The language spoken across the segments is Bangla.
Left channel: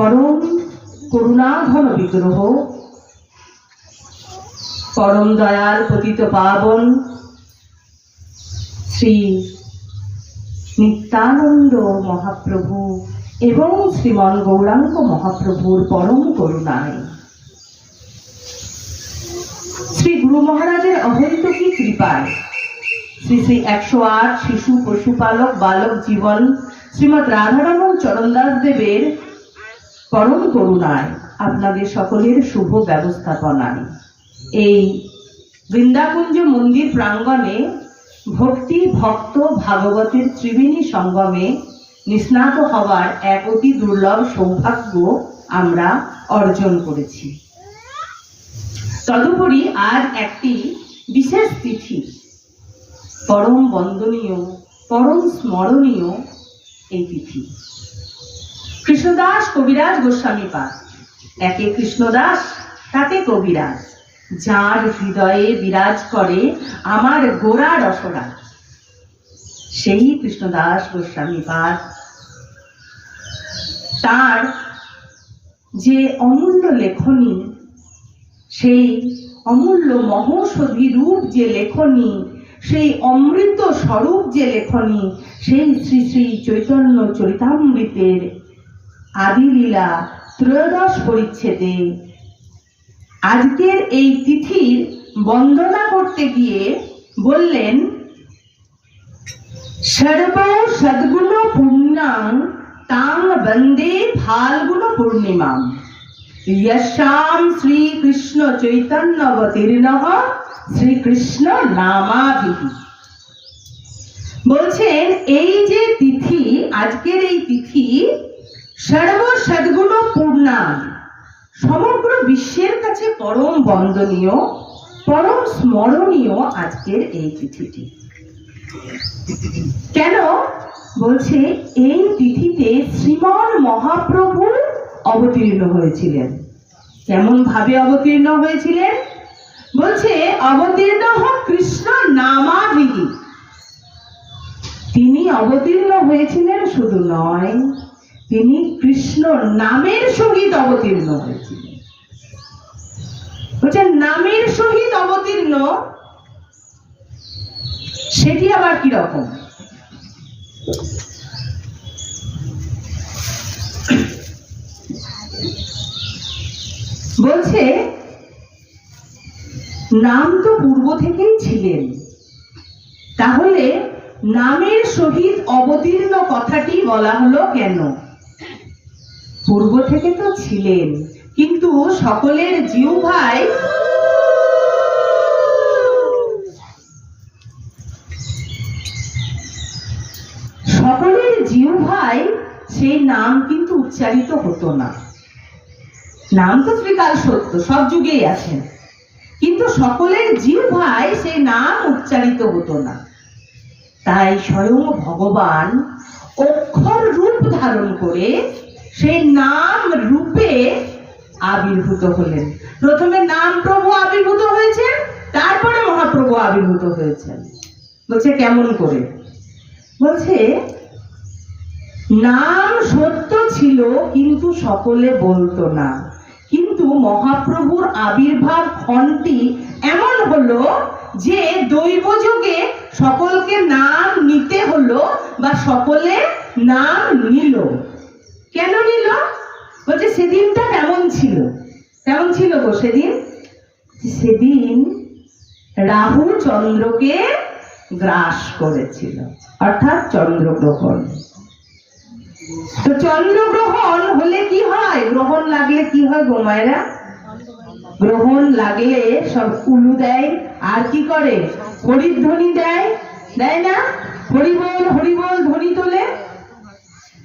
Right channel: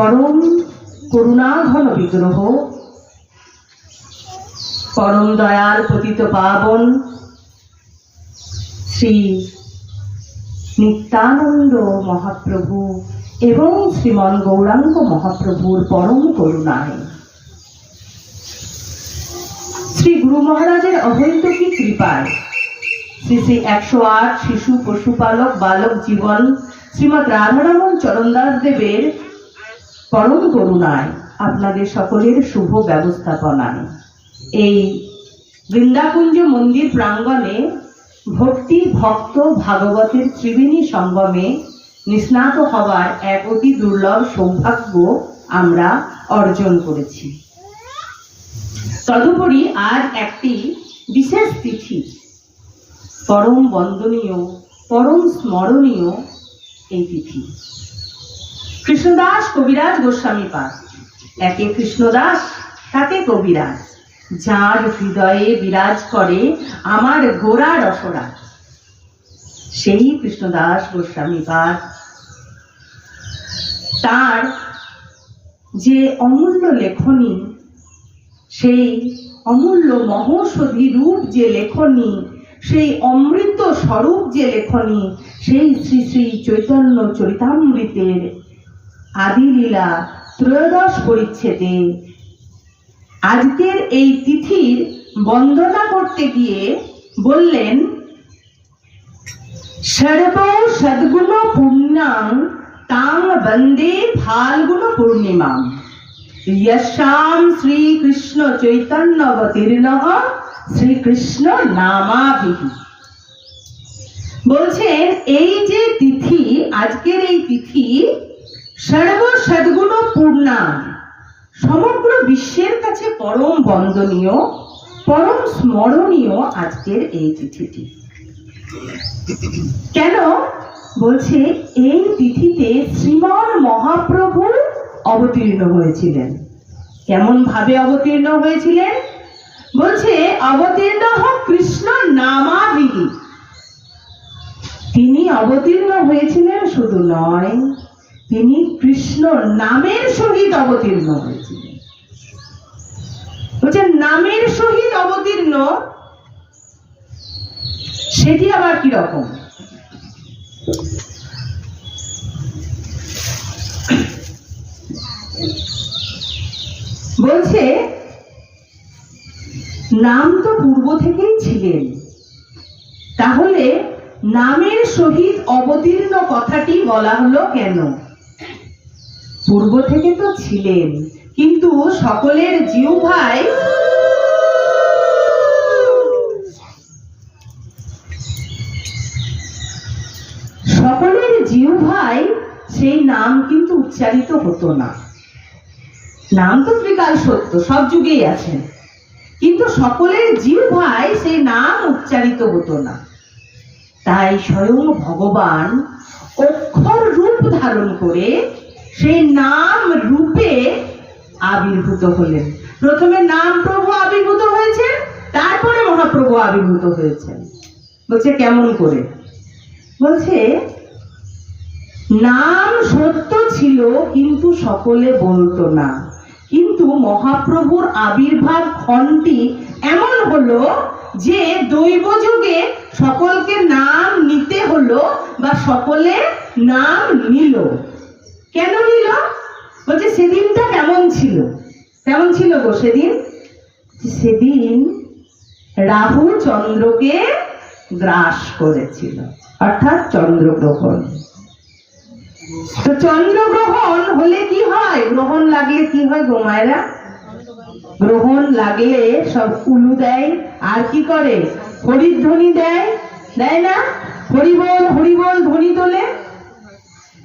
পরম করুণাঘন বিগ্রহ, পরম দয়াল পতিত পাবন শ্রী নিত্যানন্দ মহাপ্রভু এবং শ্রীমন গৌরাঙ্গ মহাপ্রভুর পরম করুণায় শ্রী গুরু মহারাজের অহৈতুকী কৃপায় শ্রী শ্রী 108 শিশু পশুপালক বালক জীবন শ্রীমৎ রাধারমণ চরণদাস দেবের পরম করুণায় আপনাদের সকলের শুভ ব্যবস্থাপনায় এই বৃন্দাকুঞ্জ মন্দির প্রাঙ্গণে ভক্তি ভক্ত ভাগবতের ত্রিবেণী সঙ্গমে নিস্নাত হবার এক অতি দুর্লভ সৌভাগ্য আমরা অর্জন করেছি। তদুপরি আজ একটি বিশেষ তিথি, পরম বন্দনীয় পরম স্মরণীয় এই তিথি কৃষ্ণদাস কবিরাজ গোস্বামী পাদ। একে কৃষ্ণদাস তাকে কবিরাজ, যার হৃদয়ে বিরাজ করে আমার গোরা রসরা, সেই কৃষ্ণদাস গোস্বামী পাদ তার যে অমূল্য লেখনী, সেই অমূল্য মহৌষধি রূপ যে লেখনী, সেই অমৃত স্বরূপ যে লেখনী, সেই শ্রী শ্রী চৈতন্য চরিতামৃতের আদিলীলা ত্রয়োদশ পরিচ্ছেদে আজকের এই তিথির বন্দনা করতে গিয়ে বললেন, সর্ব সদ্গুণ পুণ্যাং তাং বন্দে ফাল্গুন পূর্ণিমাম यस्याम श्री कृष्ण चैतन्यवतीर्णः শ্রীকৃষ্ণ নামাভিহি। বলছেন এই যে তিথি, আজকের এই তিথি সর্ব সদ্গুণ পূর্ণা, সমগ্র বিশ্বের কাছে পরম বন্দনীয় পরম স্মরণীয় আজকের এই তিথিটি। কেন? বলছে এই তিথিতে শ্রীমান মহাপ্রভু অবতীর্ণ হয়েছিলেন। কেমন ভাবে অবতীর্ণ হয়েছিলেন? বলছে অবতীর্ণ কৃষ্ণ নামাভিহি। তিনি অবতীর্ণ হয়েছিলেন শুধু নয়, তিনি কৃষ্ণ নামের সহিত অবতীর্ণ হয়েছিলেন। বলছে নামের সহিত অবতীর্ণ, সেটি আবার কি রকম? বলছে নাম তো পূর্ব থেকেই ছিলেন, তাহলে নামের সহিত অবতীর্ণ কথাটি বলা হলো কেন? পূর্ব থেকে তো ছিলেন, কিন্তু সকলের জিহ্বায় সেই নাম কিন্তু উচ্চারিত হতো না। নাম তো ত্রিকাল সত্য, সব যুগেই আছেন, কিন্তু সকলের জিহ্বায় সেই নাম উচ্চারিত হতো না। তাই স্বয়ং ভগবান অক্ষর রূপ ধারণ করে সেই নাম রূপে আবির্ভূত হলেন। প্রথমে নাম প্রভু আবির্ভূত হয়েছেন, তারপরে মহাপ্রভু আবির্ভূত হয়েছেন। বলছে কেমন করে? বলছে নাম সত্য ছিল কিন্তু সকলে বলতো না, কিন্তু মহাপ্রভুর আবির্ভাব ক্ষণটি এমন হলো যে দৈব যুগে সকলকে নাম নিতে হলো বা সকলে নাম নিল। কেন নিল? বলছে সেদিনটা কেমন ছিল? কেমন ছিল গো সেদিন? সেদিন রাহু চন্দ্রকে গ্রাস করেছিল, অর্থাৎ চন্দ্রগ্রহণ। তো চন্দ্রগ্রহণ হলে কি হয়? গ্রহণ লাগলে কি হয় গো মায়েরা? গ্রহণ লাগলে সব উলু দেয়, আর কি করে? হরিধ্বনি দেয়, দেয় না? হরিবল হরিবল ধ্বনি তোলে।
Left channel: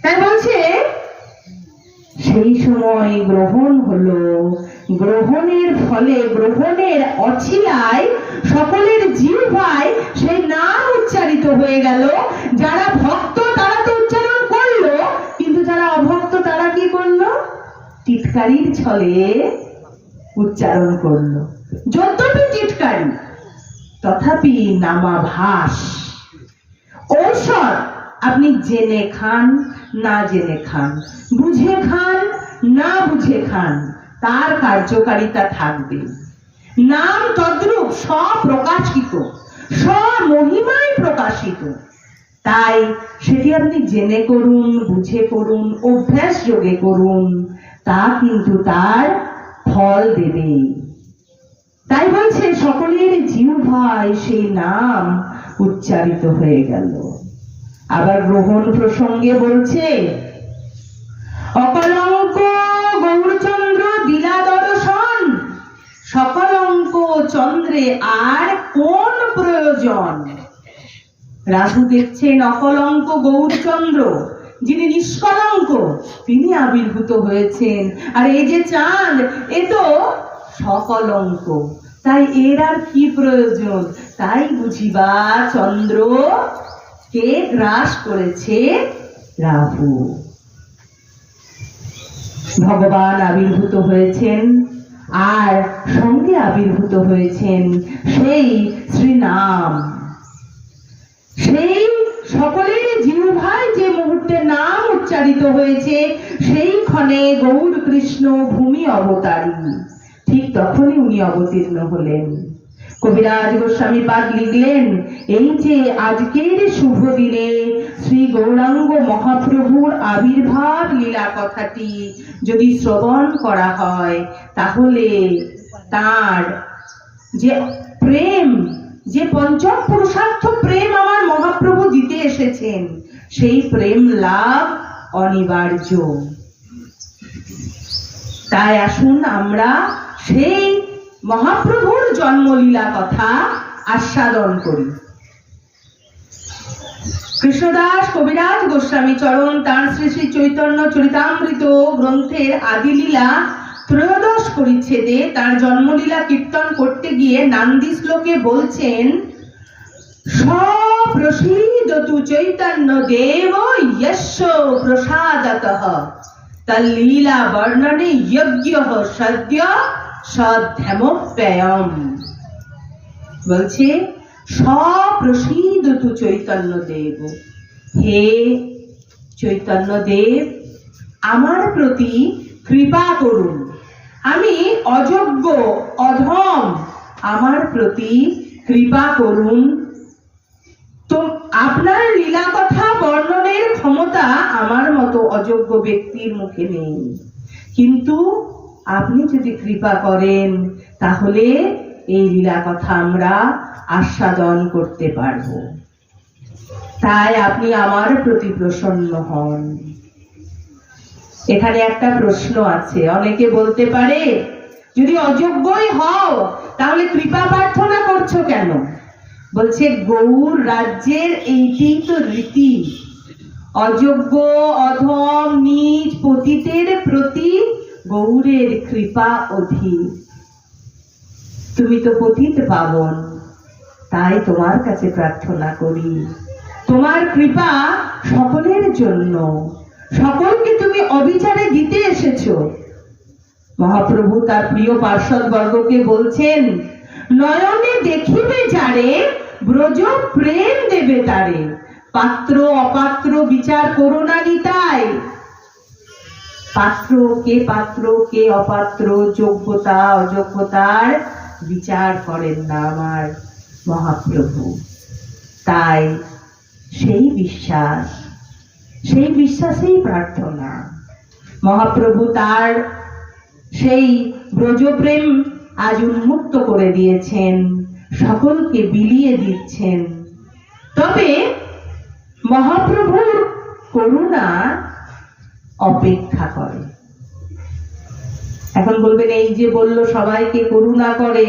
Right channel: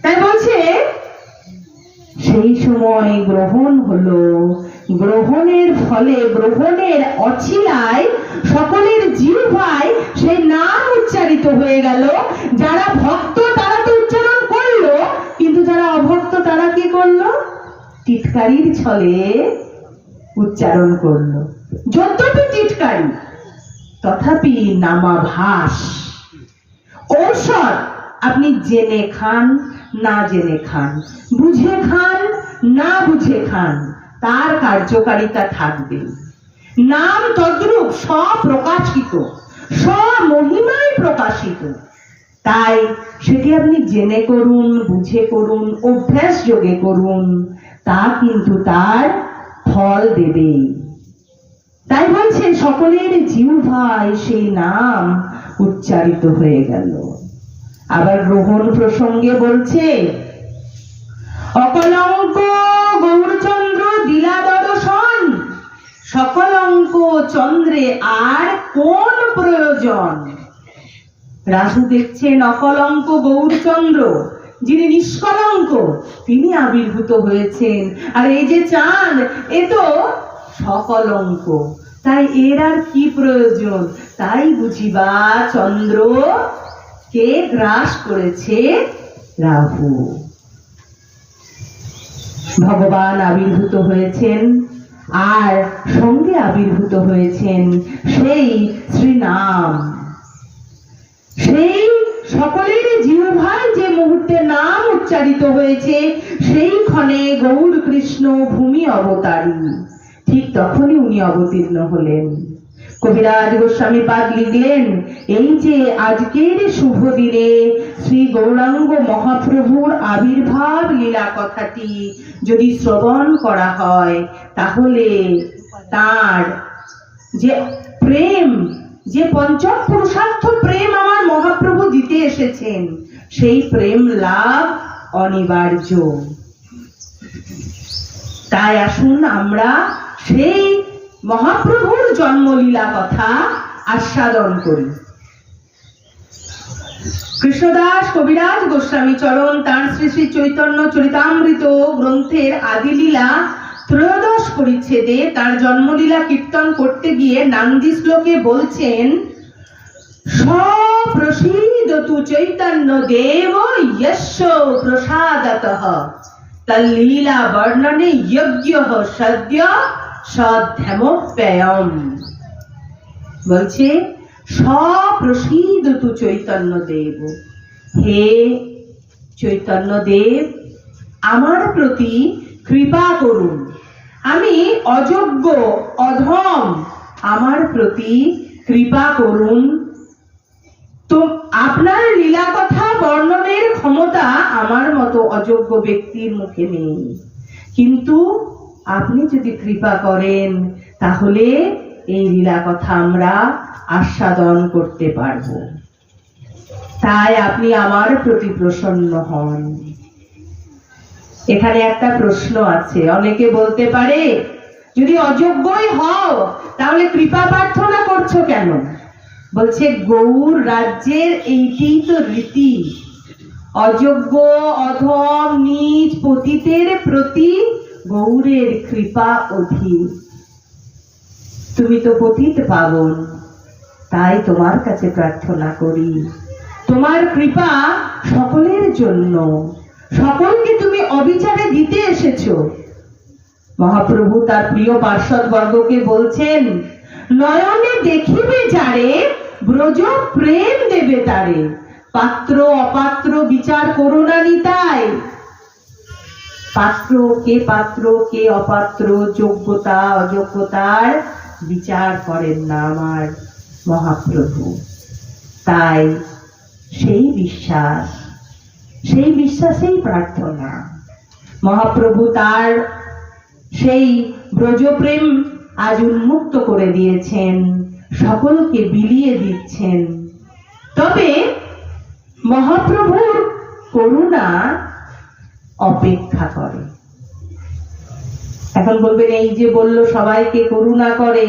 তাই বলছে সেই সময় গ্রহণ হলো, গ্রহণের ফলে গ্রহণের অছিলায় সকলের জিহ্বায় সেই নাম উচ্চারিত হয়ে গেল। যারা ভক্ত তারা তো উচ্চারণ করলো, কিন্তু যারা অভক্ত তারা কি করলো? টিটকারির ছলে উচ্চারণ করলো। যদ্যপি টিটকারি, তথাপি নামাভাস। ঔষধ আপনি জেনে খান না জেনে খান, বুঝে খান না বুঝে খান, তার কার্যকারিতা থাকবে। নাম তদ্রূপ স্বপ্রকাশিত, স্বমহিমায় প্রকাশিত। তাই সেটি আপনি জেনে করুন, বুঝে করুন, অভ্যাস যোগে করুন, তা কিন্তু তার ফল দেবে। তাই বলছেন সকলের জিহ্বায় সেই নাম উচ্চারিত হয়ে গেল। আবার গ্রহণ প্রসঙ্গে বলছে, অকলঙ্ক গৌরচন্দ্র দিলা দর্শন, সকলঙ্ক চন্দ্রে আর কোন প্রয়োজন। রাজু দেখছেন অকলঙ্ক গৌরচন্দ্র, যিনি নিষ্কলঙ্ক, তিনি আবির্ভূত হয়েছেন। আর এই যে চাঁদ, এ তো সকলঙ্ক, তাই এর আর কি প্রয়োজন। তাই বুঝিবা চন্দ্র কে গ্রাস করেছে রাহু। ভগবান আবির্ভূত হয়েছেন, আর সঙ্গে আবির্ভূত হয়েছেন সেই শ্রীনাম। সেই সকলের জিহ্বায় যে মুহূর্তে নাম উচ্চারিত হয়েছে, সেই ক্ষণে গৌর কৃষ্ণ ভূমি অবতারী, ঠিক তখনই উনি অবতীর্ণ হলেন। কবিরাজ গোস্বামী পাদ লিখলেন, এই যে আজকের শুভ দিনে শ্রী গৌরাঙ্গ মহাপ্রভুর আবির্ভাব লীলা কথাটি যদি শ্রবণ করা হয়, তাহলে তার যে প্রেম, যে পঞ্চম পুরুষার্থ প্রেম আমার মহাপ্রভু দিতে এসেছেন, সেই প্রেম লাভ অনিবার্য। তাই আসুন আমরা সেই মহাপ্রভুর জন্মলীলা কথা আস্বাদন করি। কৃষ্ণদাস কবিরাজ গোস্বামী চরণ তার শ্রী শ্রী চৈতন্য চরিতামৃত গ্রন্থের আদিলীলা ত্রয়োদশ পরিচ্ছেদে তার জন্মলীলা কীর্তন করতে গিয়ে নান্দি শ্লোকে বলছেন, স্বপ্রসীদতু চৈতন্য দেব যস্য প্রসাদতঃ তল্লীলা বর্ণনে যজ্ঞঃ সদ্য সধ্যমপ্যয়ম। বলছে স্বপ্রসীদতু চৈতন্য দেব, হে চৈতন্য দেব আমার প্রতি কৃপা করুন, আমি অযোগ্য অধম, আমার প্রতি কৃপা করুন। তো আপনার লীলা কথা বর্ণনের ক্ষমতা আমার মতো অযোগ্য ব্যক্তির মুখে নেই, কিন্তু আপনি যদি কৃপা করেন তাহলে এই লীলা কথা আমরা আস্বাদন করতে পারব। তাই আপনি আমার প্রতি প্রসন্ন হন। এখানে একটা প্রশ্ন আছে, অনেকে বলতে পারে, যদি অযোগ্যই হও তাহলে কৃপা প্রার্থনা করছো কেন? বলছে গৌর রাজ্যের এইটি তো রীতি, অযোগ্য অধম নীচ পতিতের প্রতি গৌরের কৃপা অধিক। তুমি তো পতিত পাবন, তাই তোমার কাছে প্রার্থনা করি, তোমার কৃপা সকলের জন্য, সকলকে তুমি অবিচারে দিতে এসেছো। মহাপ্রভু তার প্রিয় পার্ষদ বর্গকে বলছেন, নয়নে দেখিবে যারে ব্রজ প্রেম দেবে তারে, পাত্র অপাত্র বিচার করো না নিতাই। পাত্র কে অপাত্র, যোগ্যতা অযোগ্যতার বিচার করেন না আমার মহাপ্রভু। তাই সেই বিশ্বাসেই প্রার্থনা। মহাপ্রভু তার সেই ব্রজপ্রেম আজ উন্মুক্ত করে দিয়েছেন, সকলকে বিলিয়ে দিচ্ছেন। তবে মহাপ্রভুর করুণা অপেক্ষা করে। এখন বলবেন, এই যে বললো সবাইকে করুণা করে,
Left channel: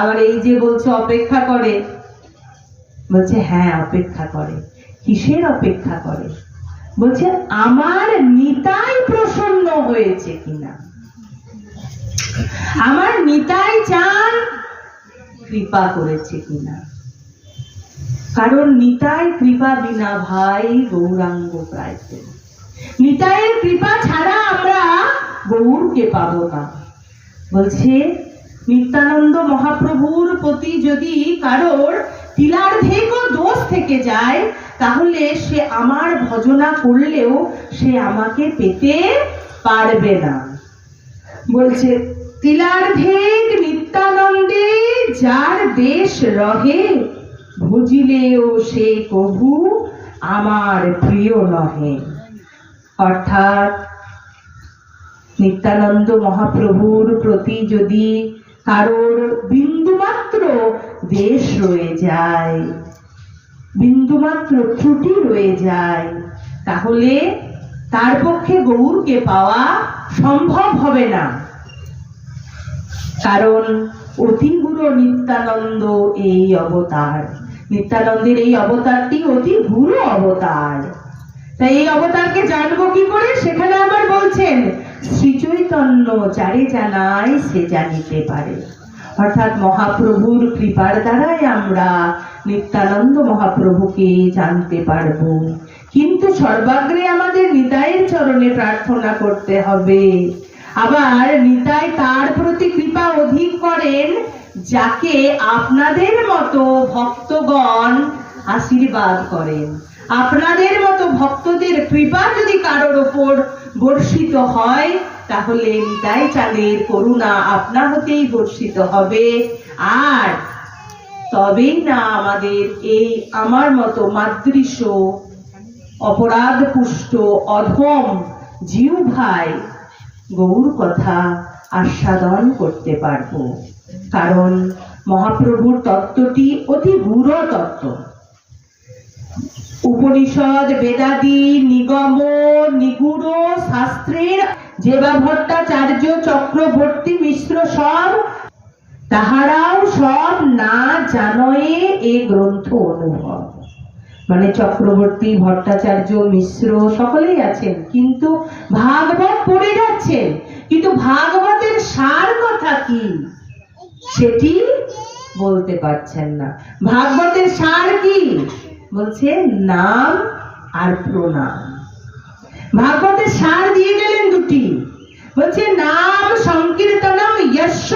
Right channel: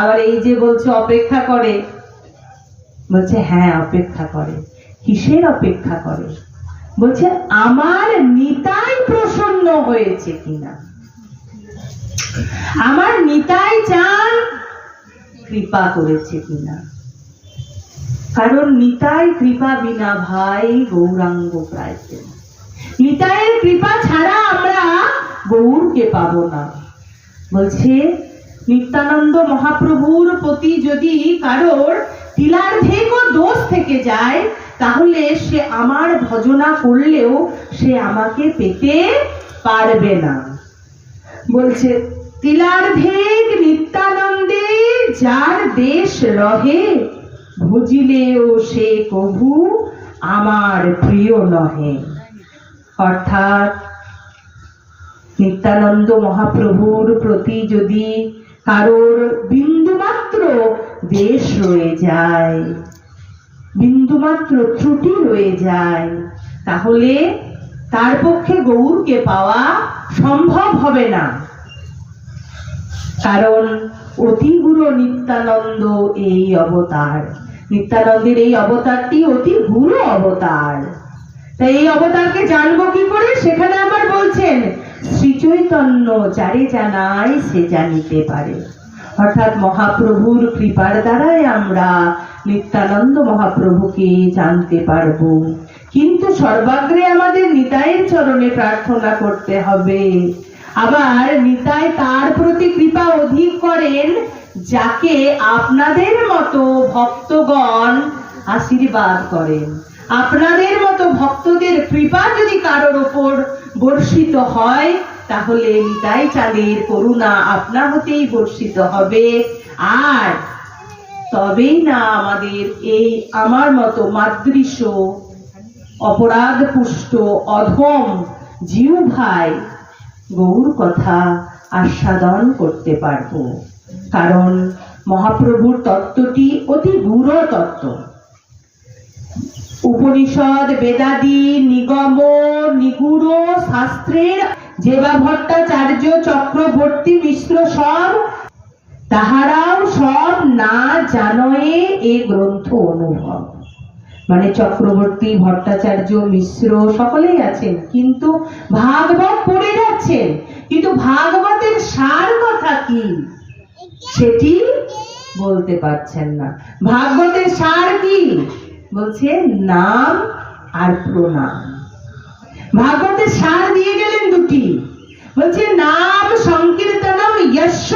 আবার এই যে বলছে অপেক্ষা করে। বলছে হ্যাঁ অপেক্ষা করে। কিসের অপেক্ষা করে? বলছে আমার নিতাই প্রসন্ন হয়েছে কিনা, আমার নিতাই চান কৃপা করেছে কিনা। কারণ নিতাই কৃপা বিনা ভাই গৌরাঙ্গ প্রাইতে, নিতাইয়ের কৃপা ছাড়া আমরা গৌরকে পাবো না। বলছে নিত্যানন্দ মহাপ্রভুর প্রতি যদি কারোর তিলার্ধেক দোষ থেকে যায়, তাহলে সে আমার ভজনা করলেও সে আমাকে পেতে পারবে না। বলছে তিলার্ধেক নিত্যানন্দে যার দেশ রহে, ভুজিলেও সে কভু আমার প্রিয় নহে। অর্থাৎ নিত্যানন্দ মহাপ্রভুর প্রতি যদি কারোর বিন্দুমাত্র দেশ রয়ে যায়, বিন্দুমাত্র ত্রুটি রয়ে যায়, তাহলে তার পক্ষে গৌরকে পাওয়া সম্ভব হবে না। কারণ অতি গুরু নিত্যানন্দ এই অবতার, নিত্যানন্দের এই অবতারটি অতি গুরু অবতার। তাই এই অবতারকে জানবো কি করে? সেখানে আবার বলছেন শ্রী চৈতন্য যারে জানায় সে জানিতে পারে। অর্থাৎ মহাপ্রভুর কৃপার দ্বারাই আমরা নিত্যানন্দ মহাপ্রভুকে জানতে পারবো। কিন্তু সর্বাগ্রে আমাদের নিতাইয়ের চরণে প্রার্থনা করতে হবে। আবার নিতাই তার প্রতি কৃপা অধিক করেন যাকে আপনাদের মতো ভক্তগণ আশীর্বাদ করেন। আপনাদের মতো ভক্তদের কৃপা যদি কারোর ওপর বর্ষিত হয়, তাহলে নিতাই চাঁদের করুণা আপনা হতেই বর্ষিত হবে। আর তবেই না আমাদের এই আমার মতো মাতৃশ অপরাধ পুষ্ট অধম জীব ভাই গৌর কথা আস্বাদন করতে পারবো। কারণ মহাপ্রভুর তত্ত্বটি অতি গূঢ় তত্ত্ব। উপনিষদ বেদাদি নিগম নিগুড় শাস্ত্রের যেবা ভট্টাচার্য চক্রবর্তী মিশ্র সব, তাহারাও সব না জানয়ে এ গ্রন্থ অনুভব। মানে চক্রবর্তী, ভট্টাচার্য, মিশ্র সকলেই আছেন, কিন্তু ভাগবত পড়ে যাচ্ছেন, কিন্তু ভাগবতের সার কথা কি সেটি বলতে পারছেন না। ভাগবতের সার কি? বলছে নাম আর প্রণাম। ভাগবতের সার দিয়ে গেলেন দুটি, বলছে নাম সংকীর্তনম যস্য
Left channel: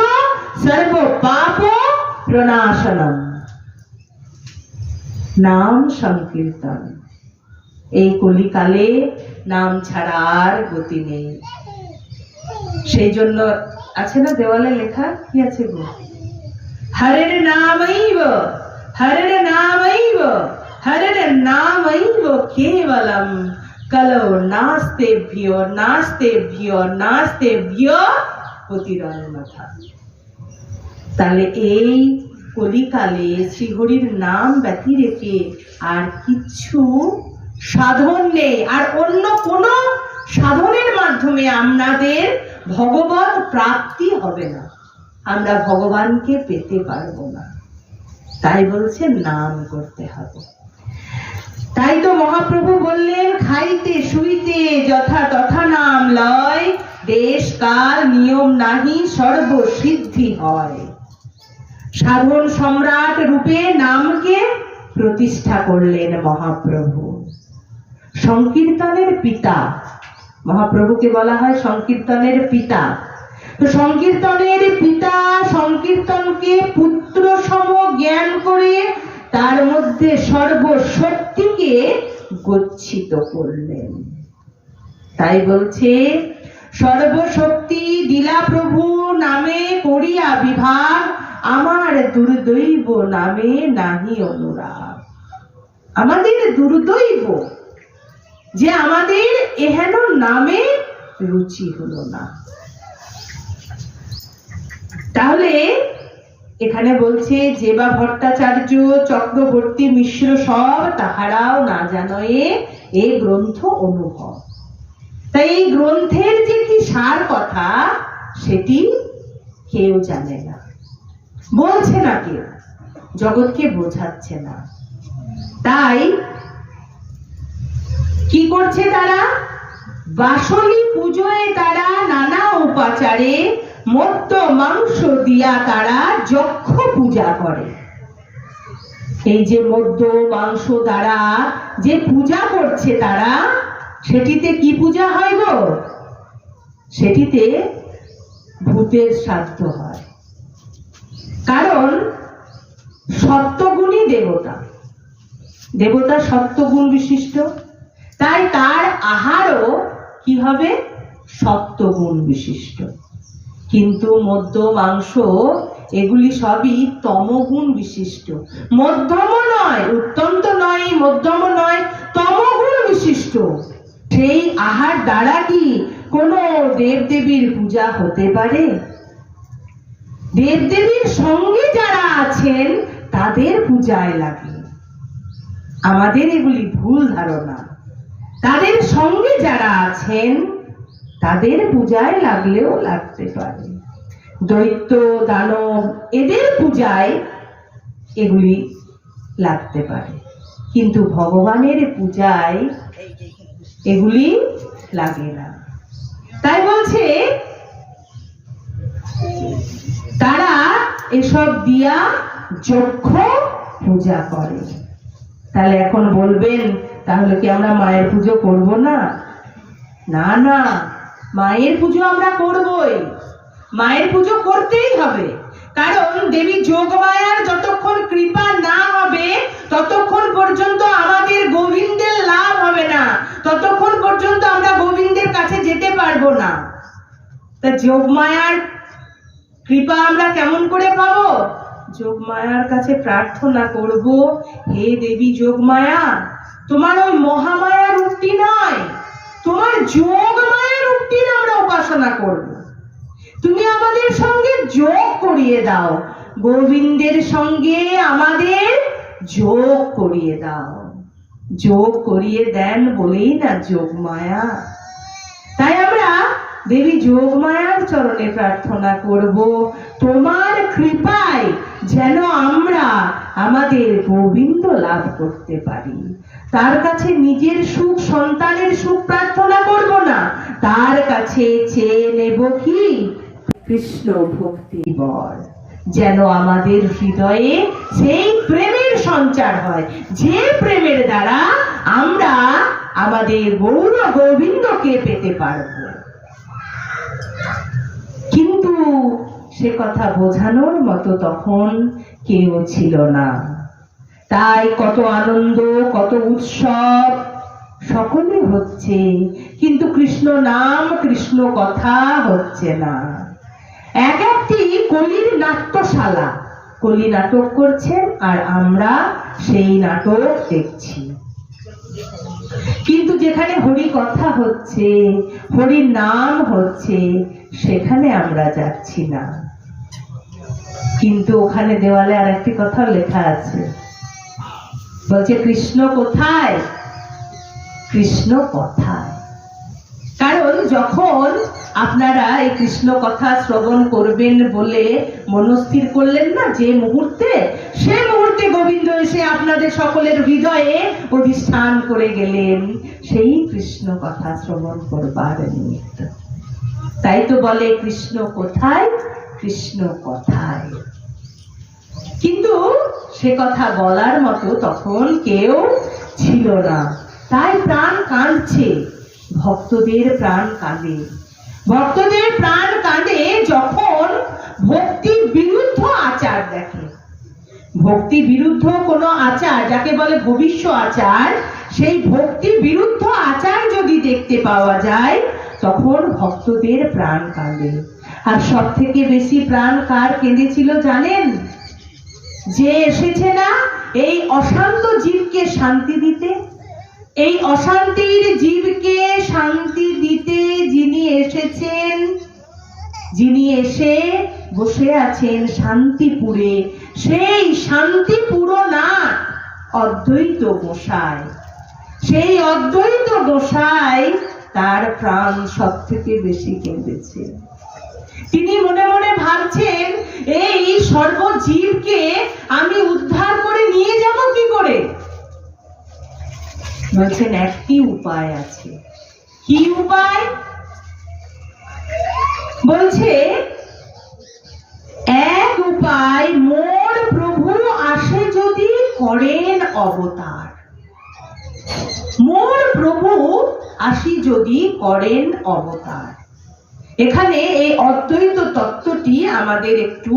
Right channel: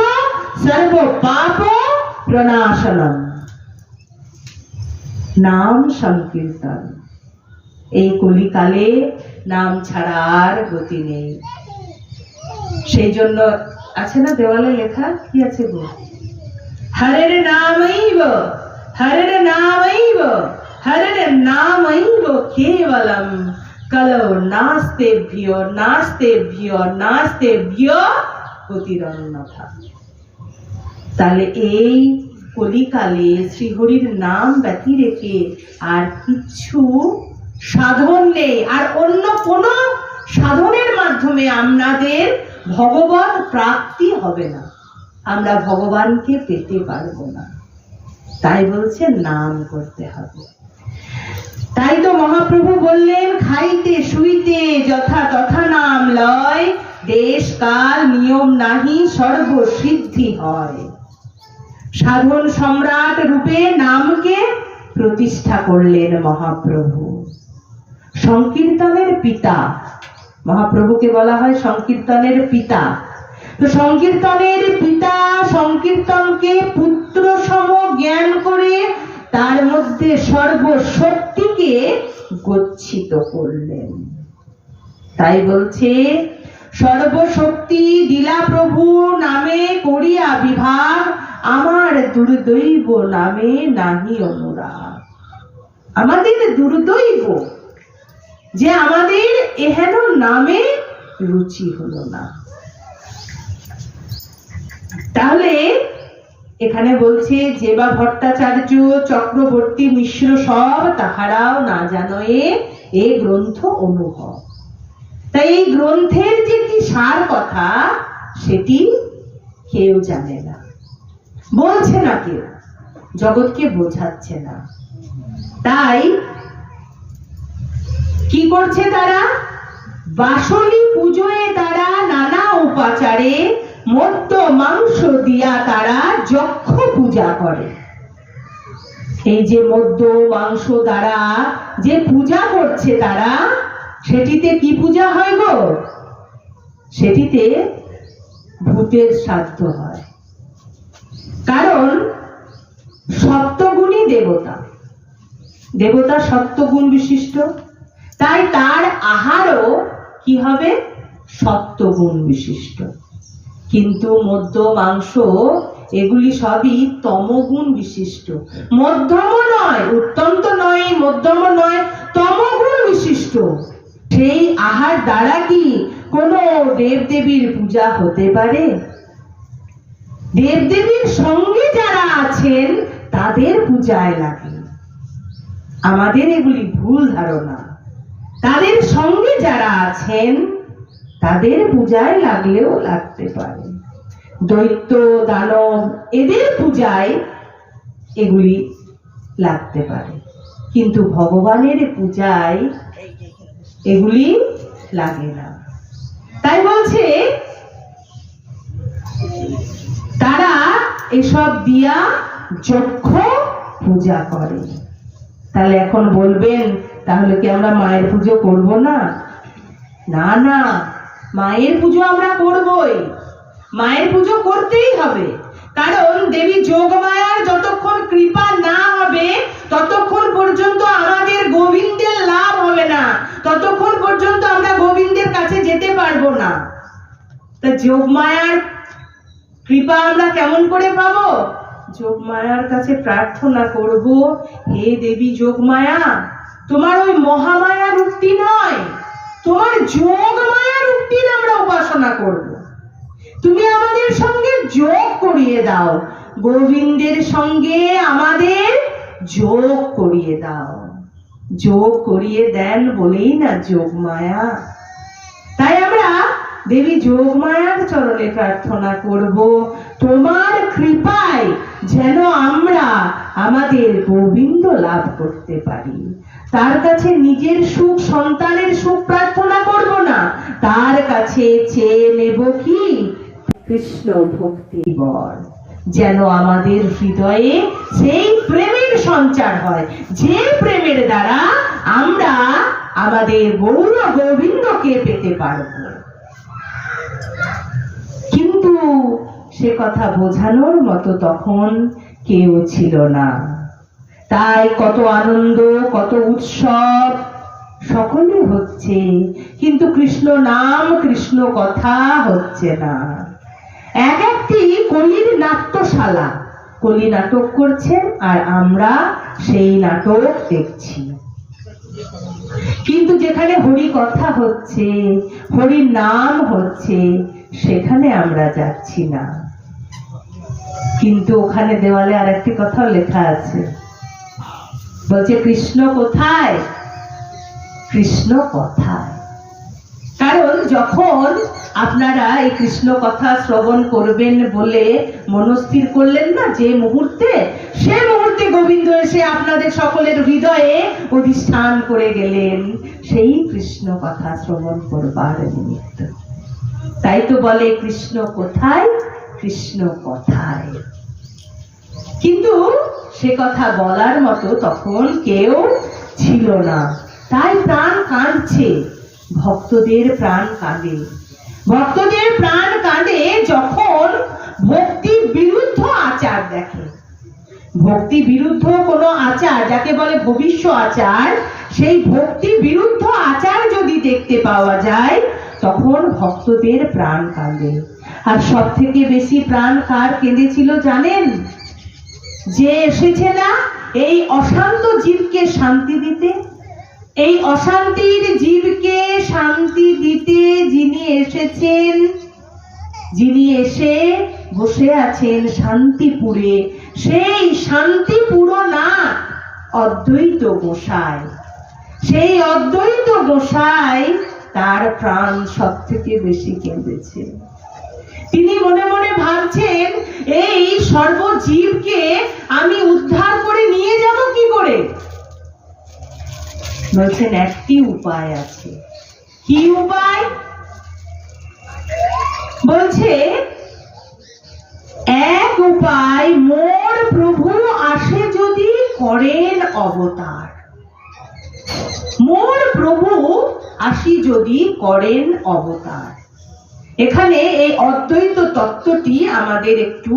সর্ব পাপ প্রণাশনম। নাম সংকীর্তন, এই কলিকালে নাম ছাড়া আর গতি নেই। সেই জন্য আছে না দেওয়ালে লেখা, কি আছে গো? হরের নামৈব হরের নামৈব হরের নামৈব কেবলম কলৌ নাস্তেভ্য নাস্তেভ্য নাস্তেভ্য অতিরন্যথা। তাহলে এই কলিকালে শ্রীহরির নাম ব্যতি রেখে আর কিছু সাধন নেই, আর অন্য কোন সাধনের মাধ্যমে আমাদের ভগবান প্রাপ্তি হবে না, আমরা ভগবানকে পেতে পারবো না। তাই বলছে নাম করতে হবে। তাই তো মহাপ্রভু বললেন খাইতে শুইতে যথা তথা নাম লয়, দেশ কাল নিয়ম নাহি সর্বসিদ্ধি হয়। সাধন সম্রাট রূপে নামকে প্রতিষ্ঠা করলেন মহাপ্রভু। সংকীর্তনের পিতা, মহাপ্রভুকে বলা হয় সংকীর্তনের পিতা। তো সংকীর্তনের পিতা সংকীর্তনকে পুত্র সম জ্ঞান করে তার মধ্যে সর্বশক্তিকে গচ্ছিত করলেন। তাই বলছে সর্বশক্তি দিলা প্রভু নামে করিয়া বিভাগ, আমার দুর্দৈব নামে নাহি অনুরাগ। আমাদের দুর্দৈব যে আমাদের এহেন নামে রুচি হলো না। তাহলে এখানে বলছে যেবা ভট্টাচার্য চক্রবর্তী মিশ্র সব, তাহারাও না জানয়ে এই গ্রন্থ অনুভব। তাই এই গ্রন্থের যে কি সার কথা সেটি কেউ জানে না, বলছে না কেউ, জগৎকে বোঝাচ্ছে না। তাই কি করছে তারা? বাসলি পুজোয় তারা নানা উপাচারে মদ্য মাংস দিয়া তারা যক্ষ পূজা করে। এই যে মদ্য মাংস দ্বারা যে পূজা করছে তারা, সেটিতে কি পূজা হয় গো? সেটিতে ভূতের শ্রাদ্ধ হয়। কারণ সত্যগুণী দেবতা, দেবতা সত্যগুণ বিশিষ্ট, তাই তার আহারও কি হবে? সত্যগুণ বিশিষ্ট। কিন্তু মদ্য মাংস এগুলি সবই তমগুণ বিশিষ্ট, মধ্যম নয়, অত্যন্ত নয়, মধ্যম নয়, তমগুণ বিশিষ্ট। সেই আহার দ্বারা কি কোনো দেবদেবীর পূজা হতে পারে? দেবদেবীর সঙ্গে যারা আছেন তাদের পূজায় লাগে। আমাদের এগুলি ভুল ধারণা। তাদের সঙ্গে যারা আছেন তাদের পূজায় লাগলেও লাগতে পারে। দৈত্য দানব এদের পূজায় এগুলি লাগতে পারে, কিন্তু ভগবানের পূজায় এগুলি লাগে না। তাই বলছে তারা এসব দিয়া যক্ষ পূজা করে। তাহলে এখন বলবেন, তাহলে কি আমরা মায়ের পুজো করব না? না না, মায়ের পুজো আমরা করবই, মায়ের পুজো করতেই হবে। কারণ দেবী যোগমায়ার যতক্ষণ কৃপা না হবে ততক্ষণ পর্যন্ত আমাদের গোবিন্দের লাভ হবে না, ততক্ষণ পর্যন্ত আমরা গোবিন্দের কাছে যেতে পারবো না। তা যোগমায়ার কৃপা আমরা কেমন করে পাবো? যোগমায়ার কাছে প্রার্থনা করব, হে দেবী যোগমায়া, তোমার ওই মহামায়া রূপটি নয়, তোমার যোগমায়া রূপটির আমরা উপাসনা করব। তুমি আমাদের সঙ্গে যোগ করিয়ে দাও, গোবিন্দের সঙ্গে আমাদের যোগ করিয়ে দাও। যোগ করিয়ে দেন বলেই না যোগমায়া। তাই আমরা দেবী যোগমায়ার চরণে প্রার্থনা করব, তোমার কৃপায় যেন আমরা আমাদের গোবিন্দ লাভ করতে পারি। তার কাছে নিজের সুখ, সন্তানের সুখ প্রার্থনা করব না, তার কাছে চেয়ে নেব কি? কৃষ্ণ ভক্তি বর, যেন আমাদের হৃদয়ে সেই প্রেমের সঞ্চার হয়, যে প্রেমের দ্বারা আমরা আমাদের গৌর গোবিন্দকে পেতে পারব। কিন্তু সে কথা বোঝানোর মতো তখন কেউ ছিল না। তাই কত আনন্দ, কত উৎসব সকলে হচ্ছে, কিন্তু কৃষ্ণ নাম, কৃষ্ণ কথা হচ্ছে না। এক একটি কলির নাট্যশালা, কলি নাটক করছেন আর আমরা সেই নাটক দেখছি। কিন্তু যেখানে হরি কথা হচ্ছে, হরির নাম হচ্ছে, সেখানে আমরা যাচ্ছি না। কিন্তু ওখানে দেওয়ালে আর একটি কথা লেখা আছে, বলছে কৃষ্ণ কোথায়? কৃষ্ণ কথায়। কারণ যখন আপনারা এই কৃষ্ণ কথা শ্রবণ করবেন বলে মনস্থির করলেন না, যে মুহূর্তে, সে মুহূর্তে গোবিন্দ এসে আপনাদের সকলের হৃদয়ে অধিষ্ঠান করে গেলেন সেই কৃষ্ণ কথা শ্রবণ করবার নিমিত্ত। তাই তো বলে কৃষ্ণ কোথায়? কৃষ্ণ কথায়। কিন্তু সে কথা বলার মতো তখন কেউ ছিল না। তাই প্রাণ কাঁদছে, ভক্তদের প্রাণ কাঁদে। ভক্তদের প্রাণ কাঁদে যখন ভক্তি বিরুদ্ধ আচার দেখে। ভক্তি বিরুদ্ধ কোনো আচার, যাকে বলে ভবিষ্য আচার, সেই ভক্তি বিরুদ্ধ আচার যদি দেখতে পাওয়া যায় তখন ভক্তদের প্রাণ কাঁদে। আর সব থেকে বেশি প্রাণ কার কেঁদেছিল জানেন? যে এসেছে না এই অশান্ত জীবকে শান্তি দিতে, এই অশান্তির জীবকে শান্তি দিতে যিনি এসেছেন, যিনি এসে বসে আছেন শান্তিপুরে, সেই শান্তিপুর না অদ্বৈত গোসাই। সেই অদ্বৈত গোসাই তার প্রাণ সব থেকে বেশি কেঁদেছে। তিনি মনে মনে ভাবছেন, এই সর্বজীবকে আমি উদ্ধার করে নিয়ে যাব কি করে? বলছেন একটি উপায় আছে। কি উপায়? বলছে এক উপায়, মোর প্রভু আসে যদি করেন অবতার। মোর প্রভু আসি যদি করেন অবতার। এখানে এই অদ্বৈত তত্ত্বটি আমাদের একটু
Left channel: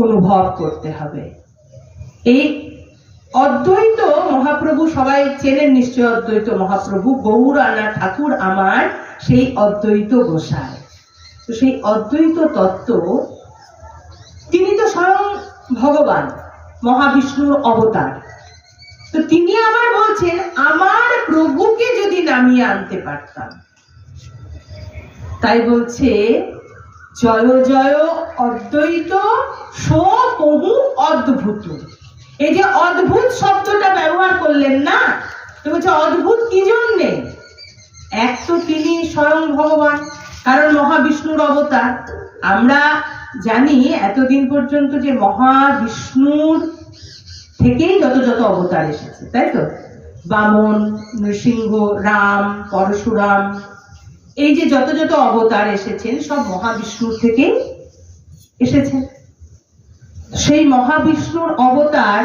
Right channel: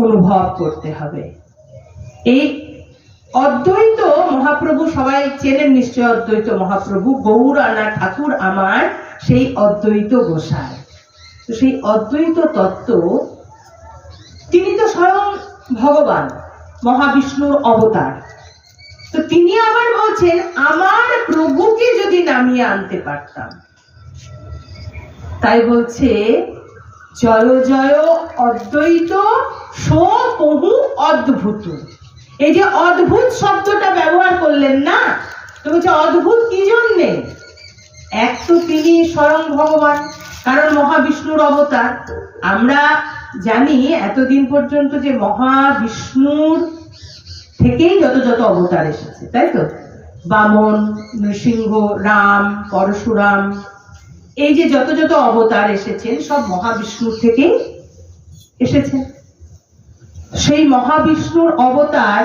অনুভব করতে হবে। এই অদ্বৈত মহাপ্রভু সবাই চেনেন নিশ্চয়, অদ্বৈত মহাপ্রভু গৌরানা ঠাকুর আমার সেই অদ্বৈত গোসাই। তো সেই অদ্বৈত তত্ত্ব, তিনি তো স্বয়ং ভগবান, মহাবিষ্ণুর অবতার। তো তিনি আবার বলছেন, আমার প্রভুকে যদি নামিয়ে আনতে পারতাম। তাই বলছে, জয় জয় অদ্বৈত সো বহু অদ্ভুত। এই যে অদ্ভুত শব্দটা ব্যবহার করলেন না, তো বলছে অদ্ভুত কি জন্যে? এক তো তিনি স্বয়ং ভগবান, কারণ মহাবিষ্ণুর অবতার। আমরা জানি এতদিন পর্যন্ত যে মহাবিষ্ণুর থেকেই যত যত অবতার এসেছে, তাই তো? বামন, নৃসিংহ, রাম, পরশুরাম, এই যে যত যত অবতার এসেছেন সব মহাবিষ্ণুর থেকেই এসেছেন। সেই মহাবিষ্ণুর অবতার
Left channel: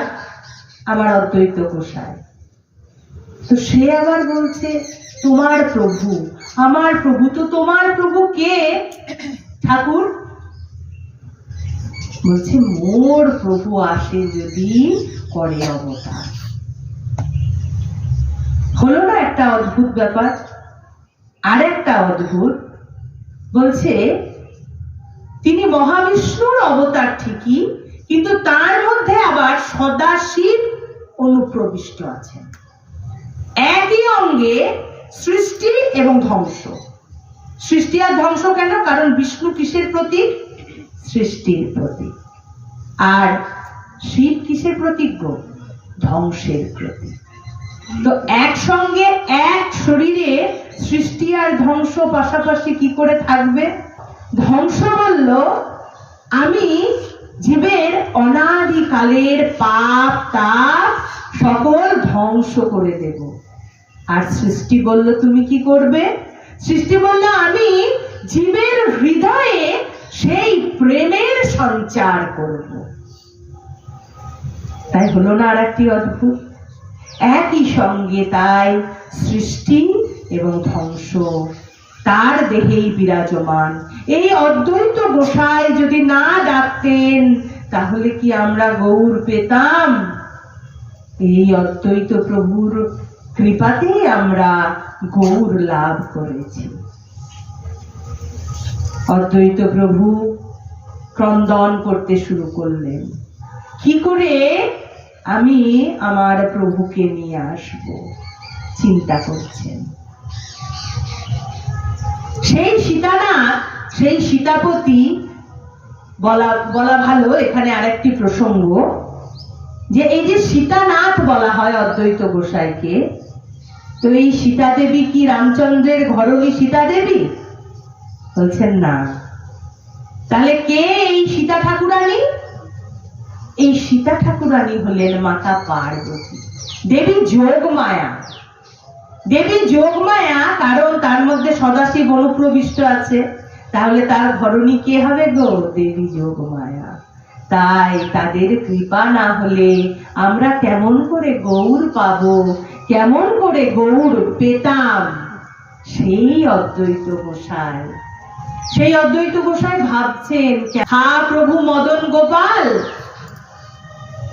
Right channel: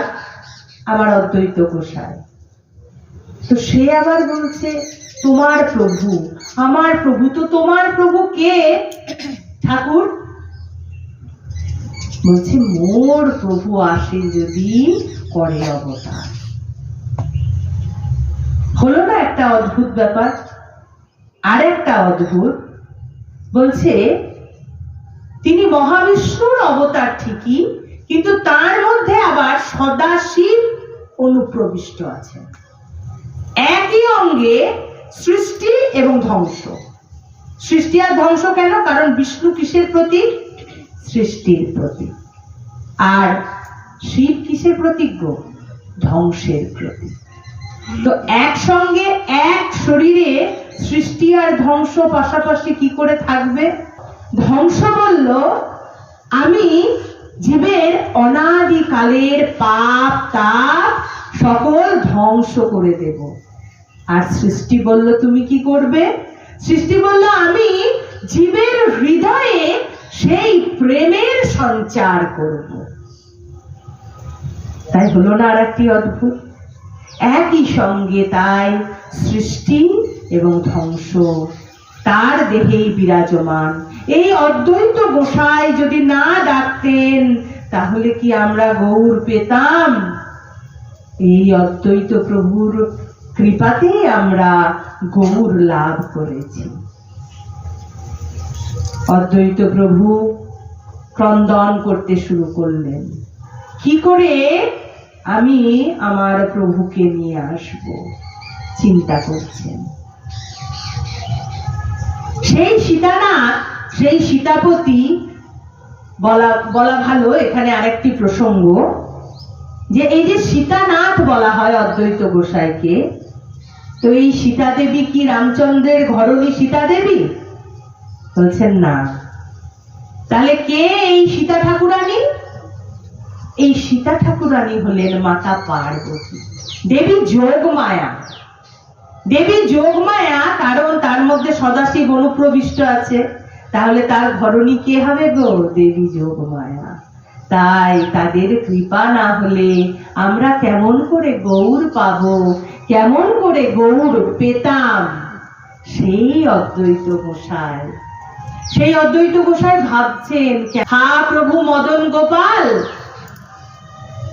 আমার অদ্বৈত গোসাই। তো সে আবার বলছে তোমার প্রভু, আমার প্রভু। তো তোমার প্রভু কে ঠাকুর? বলছে মোর প্রভু আসে যদি করে অবতার। হলো না একটা অদ্ভুত ব্যাপার? আর একটা অদ্ভুত, বলছে তিনি মহাবিষ্ণুর অবতার ঠিকই, কিন্তু তার মধ্যে আবার সদাশিব অনুপ্রবিষ্ট আছেন। একই অঙ্গে সৃষ্টি এবং ধ্বংস। সৃষ্টি আর ধ্বংস কেন? কারণ বিষ্ণু কিসের প্রতীক? সৃষ্টির প্রতীক। আর শিব কিসের প্রতীক গো? ধ্বংসের প্রতীক। তো একসঙ্গে এক শরীরে সৃষ্টি আর ধ্বংস পাশাপাশি কি করে থাকবে? ধ্বংস বলল, আমি জীবের অনাদিকালের পাপ তাপ সকল ধ্বংস করে দেব। আর সৃষ্টি বলল, তুমি কি করবে? সৃষ্টি বলল, আমি জীবের হৃদয়ে সেই প্রেমের সঞ্চার করব। তাই হলো না আর একটি অদ্ভুত? একই সঙ্গে তাই সৃষ্টি এবং ধ্বংস তার দেহেই বিরাজমান। এই অদ্বৈত গোসাই যদি না ডাকতেন তাহলে কি আমরা গৌর পেতাম? এই অদ্বৈত প্রভুর কৃপাতেই আমরা গৌর লাভ করেছি। অদ্বৈত প্রভু ক্রন্দন করতে শুরু করলেন, কি করে আমি আমার প্রভুকে নিয়ে আসব? চিন্তা করছেন। সেই সীতানাথ, সেই সীতাপতি বলা ভালো এখানে আরেকটি প্রসঙ্গ, যে এই যে সীতানাথ বলা হয় অদ্বৈত গোসাইকে, তো এই সীতা দেবী কি রামচন্দ্রের ঘরণী সীতা দেবী? বলছেন না। তাহলে কে এই সীতা ঠাকুরানী? এই সীতা ঠাকুরানী হলেন মাতা পার্বতী, দেবী যোগমায়া। দেবী যোগমায়া, কারণ তার মধ্যে সদাশিব অনুপ্রবিষ্ট আছে। তাহলে তার ঘরণী কে হবে গো? দেবী যোগমায়া। তাই তাদের কৃপা না হলে আমরা কেমন করে গৌর পাবো, কেমন করে গৌর পেতাম? সেই অদ্বৈত গোসাই, সেই অদ্বৈত গোসাই ভাবছেন, হা প্রভু মদন গোপাল,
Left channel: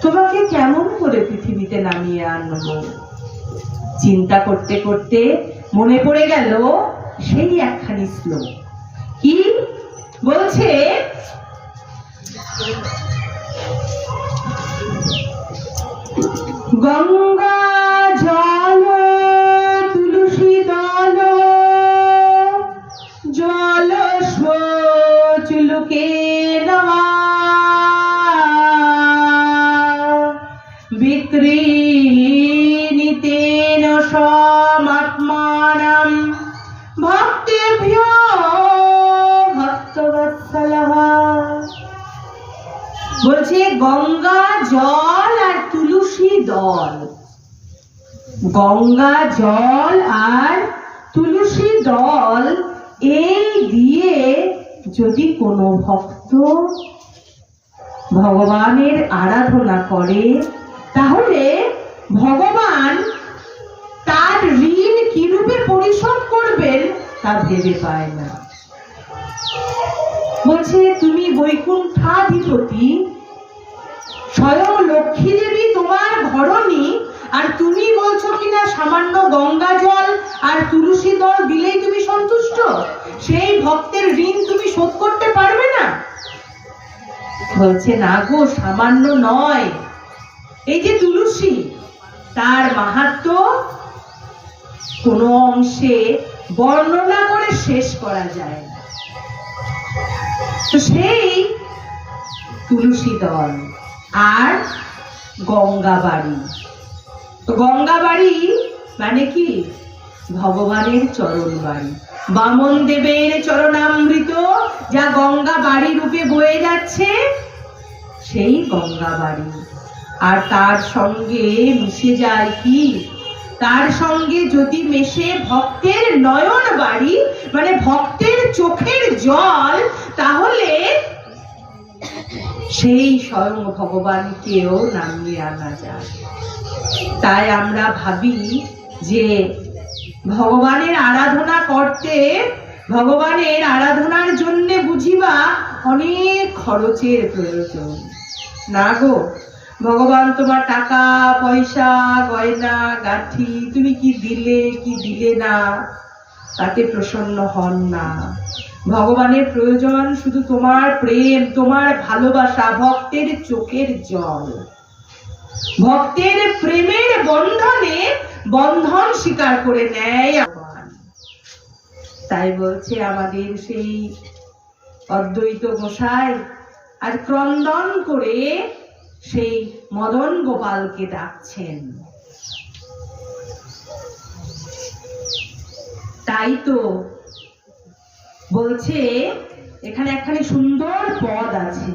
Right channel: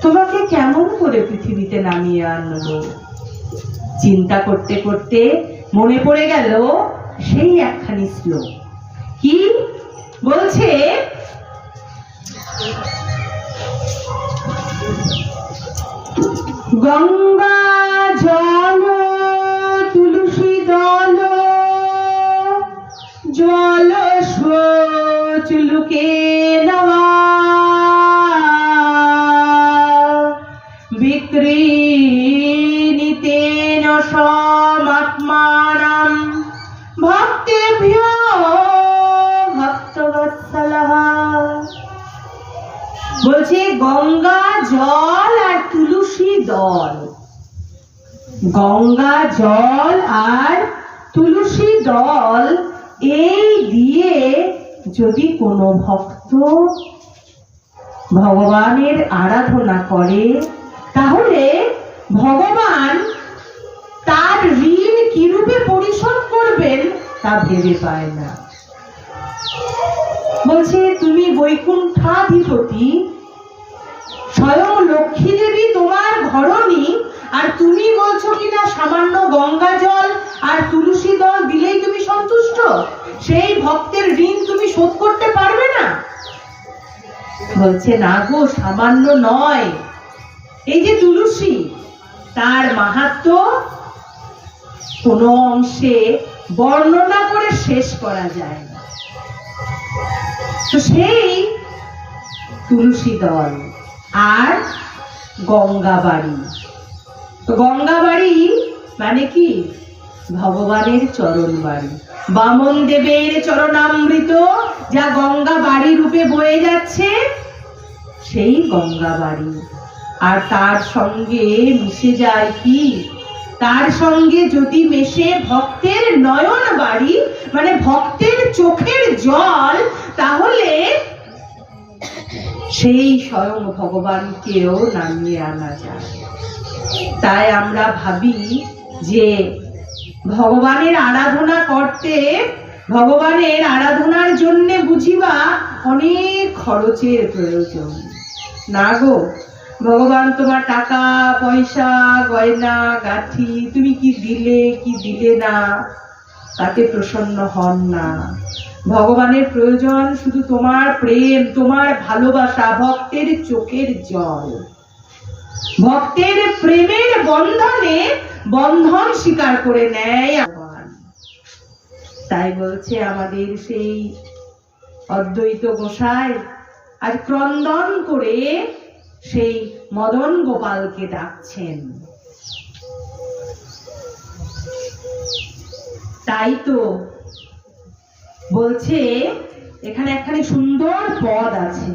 তোমাকে কেমন করে পৃথিবীতে নামিয়ে আনবো? চিন্তা করতে করতে মনে পড়ে গেল সেই একখানি শ্লোক। কি বলছে? গঙ্গা জল তুলসী দল জল চুলুকে নওয়া বিক্রীণিতেন সমাত্মানাম ভক্তেভ্যো ভক্তবৎসলঃ। বলছে গঙ্গা জল আর তুলসী দল, গঙ্গা জল আর তুলসী দল, এই দিয়ে যদি কোনো ভক্ত ভগবানের আরাধনা করে তাহলে ভগবান তার ঋণ কিরূপে পরিশোধ করবেন তা ভেবে পায় না। বলছে তুমি বৈকুণ্ঠাধিপতি, স্বয়ং লক্ষ্মী দেবী তোমার ঘরণী, আর তুমি বলছো কিনা সামান্য গঙ্গা জল আর তুলসী দল দিলেই তুমি সন্তুষ্ট? সেই ভক্তের ঋণ তুমি শোধ বলছে না গো, সামান্য নয়। এই যে তুলসী, তার মাহাত্ম্য কোনো অংশে বর্ণনা করে শেষ করা যায় না। তো সেই তুলসী দল আর গঙ্গাবাড়ি। তো গঙ্গাবাড়ি মানে কি? ভগবানের চরণ বাড়ি, বামন দেবের চরণামৃত যা গঙ্গা বাড়ি রূপে বয়ে যাচ্ছে, সেই গঙ্গা বাড়ি। আর তার সঙ্গে মিশে যায় কি? তার সঙ্গে যদি মেশে ভক্তের নয়ন বাড়ি, মানে ভক্তের চোখের জল, তাহলে সেই স্বয়ং ভগবানকেও নামিয়ে আনা যায়। তাই আমরা ভাবি যে ভগবানের আরাধনা করতে, ভগবানের আরাধনার জন্য বুঝিবা অনেক খরচের প্রয়োজন। না গো, ভগবান তোমার টাকা পয়সা গয়না গাঠি তুমি কি দিলে কি দিলে না, তাতে প্রসন্ন হন না। ভগবানের প্রয়োজন শুধু তোমার প্রেম, তোমার ভালোবাসা, ভক্তের চোখের জল। ভক্তের প্রেমের বন্ধনে বন্ধন স্বীকার করে নেয় ভগবান। তাই বলছে আমাদের সেই অদ্বৈত গোসাই আর ক্রন্দন করে সেই মদন গোপালকে ডাকছেন। তাই তো বলছে, এখানে একখানি সুন্দর পদ আছে,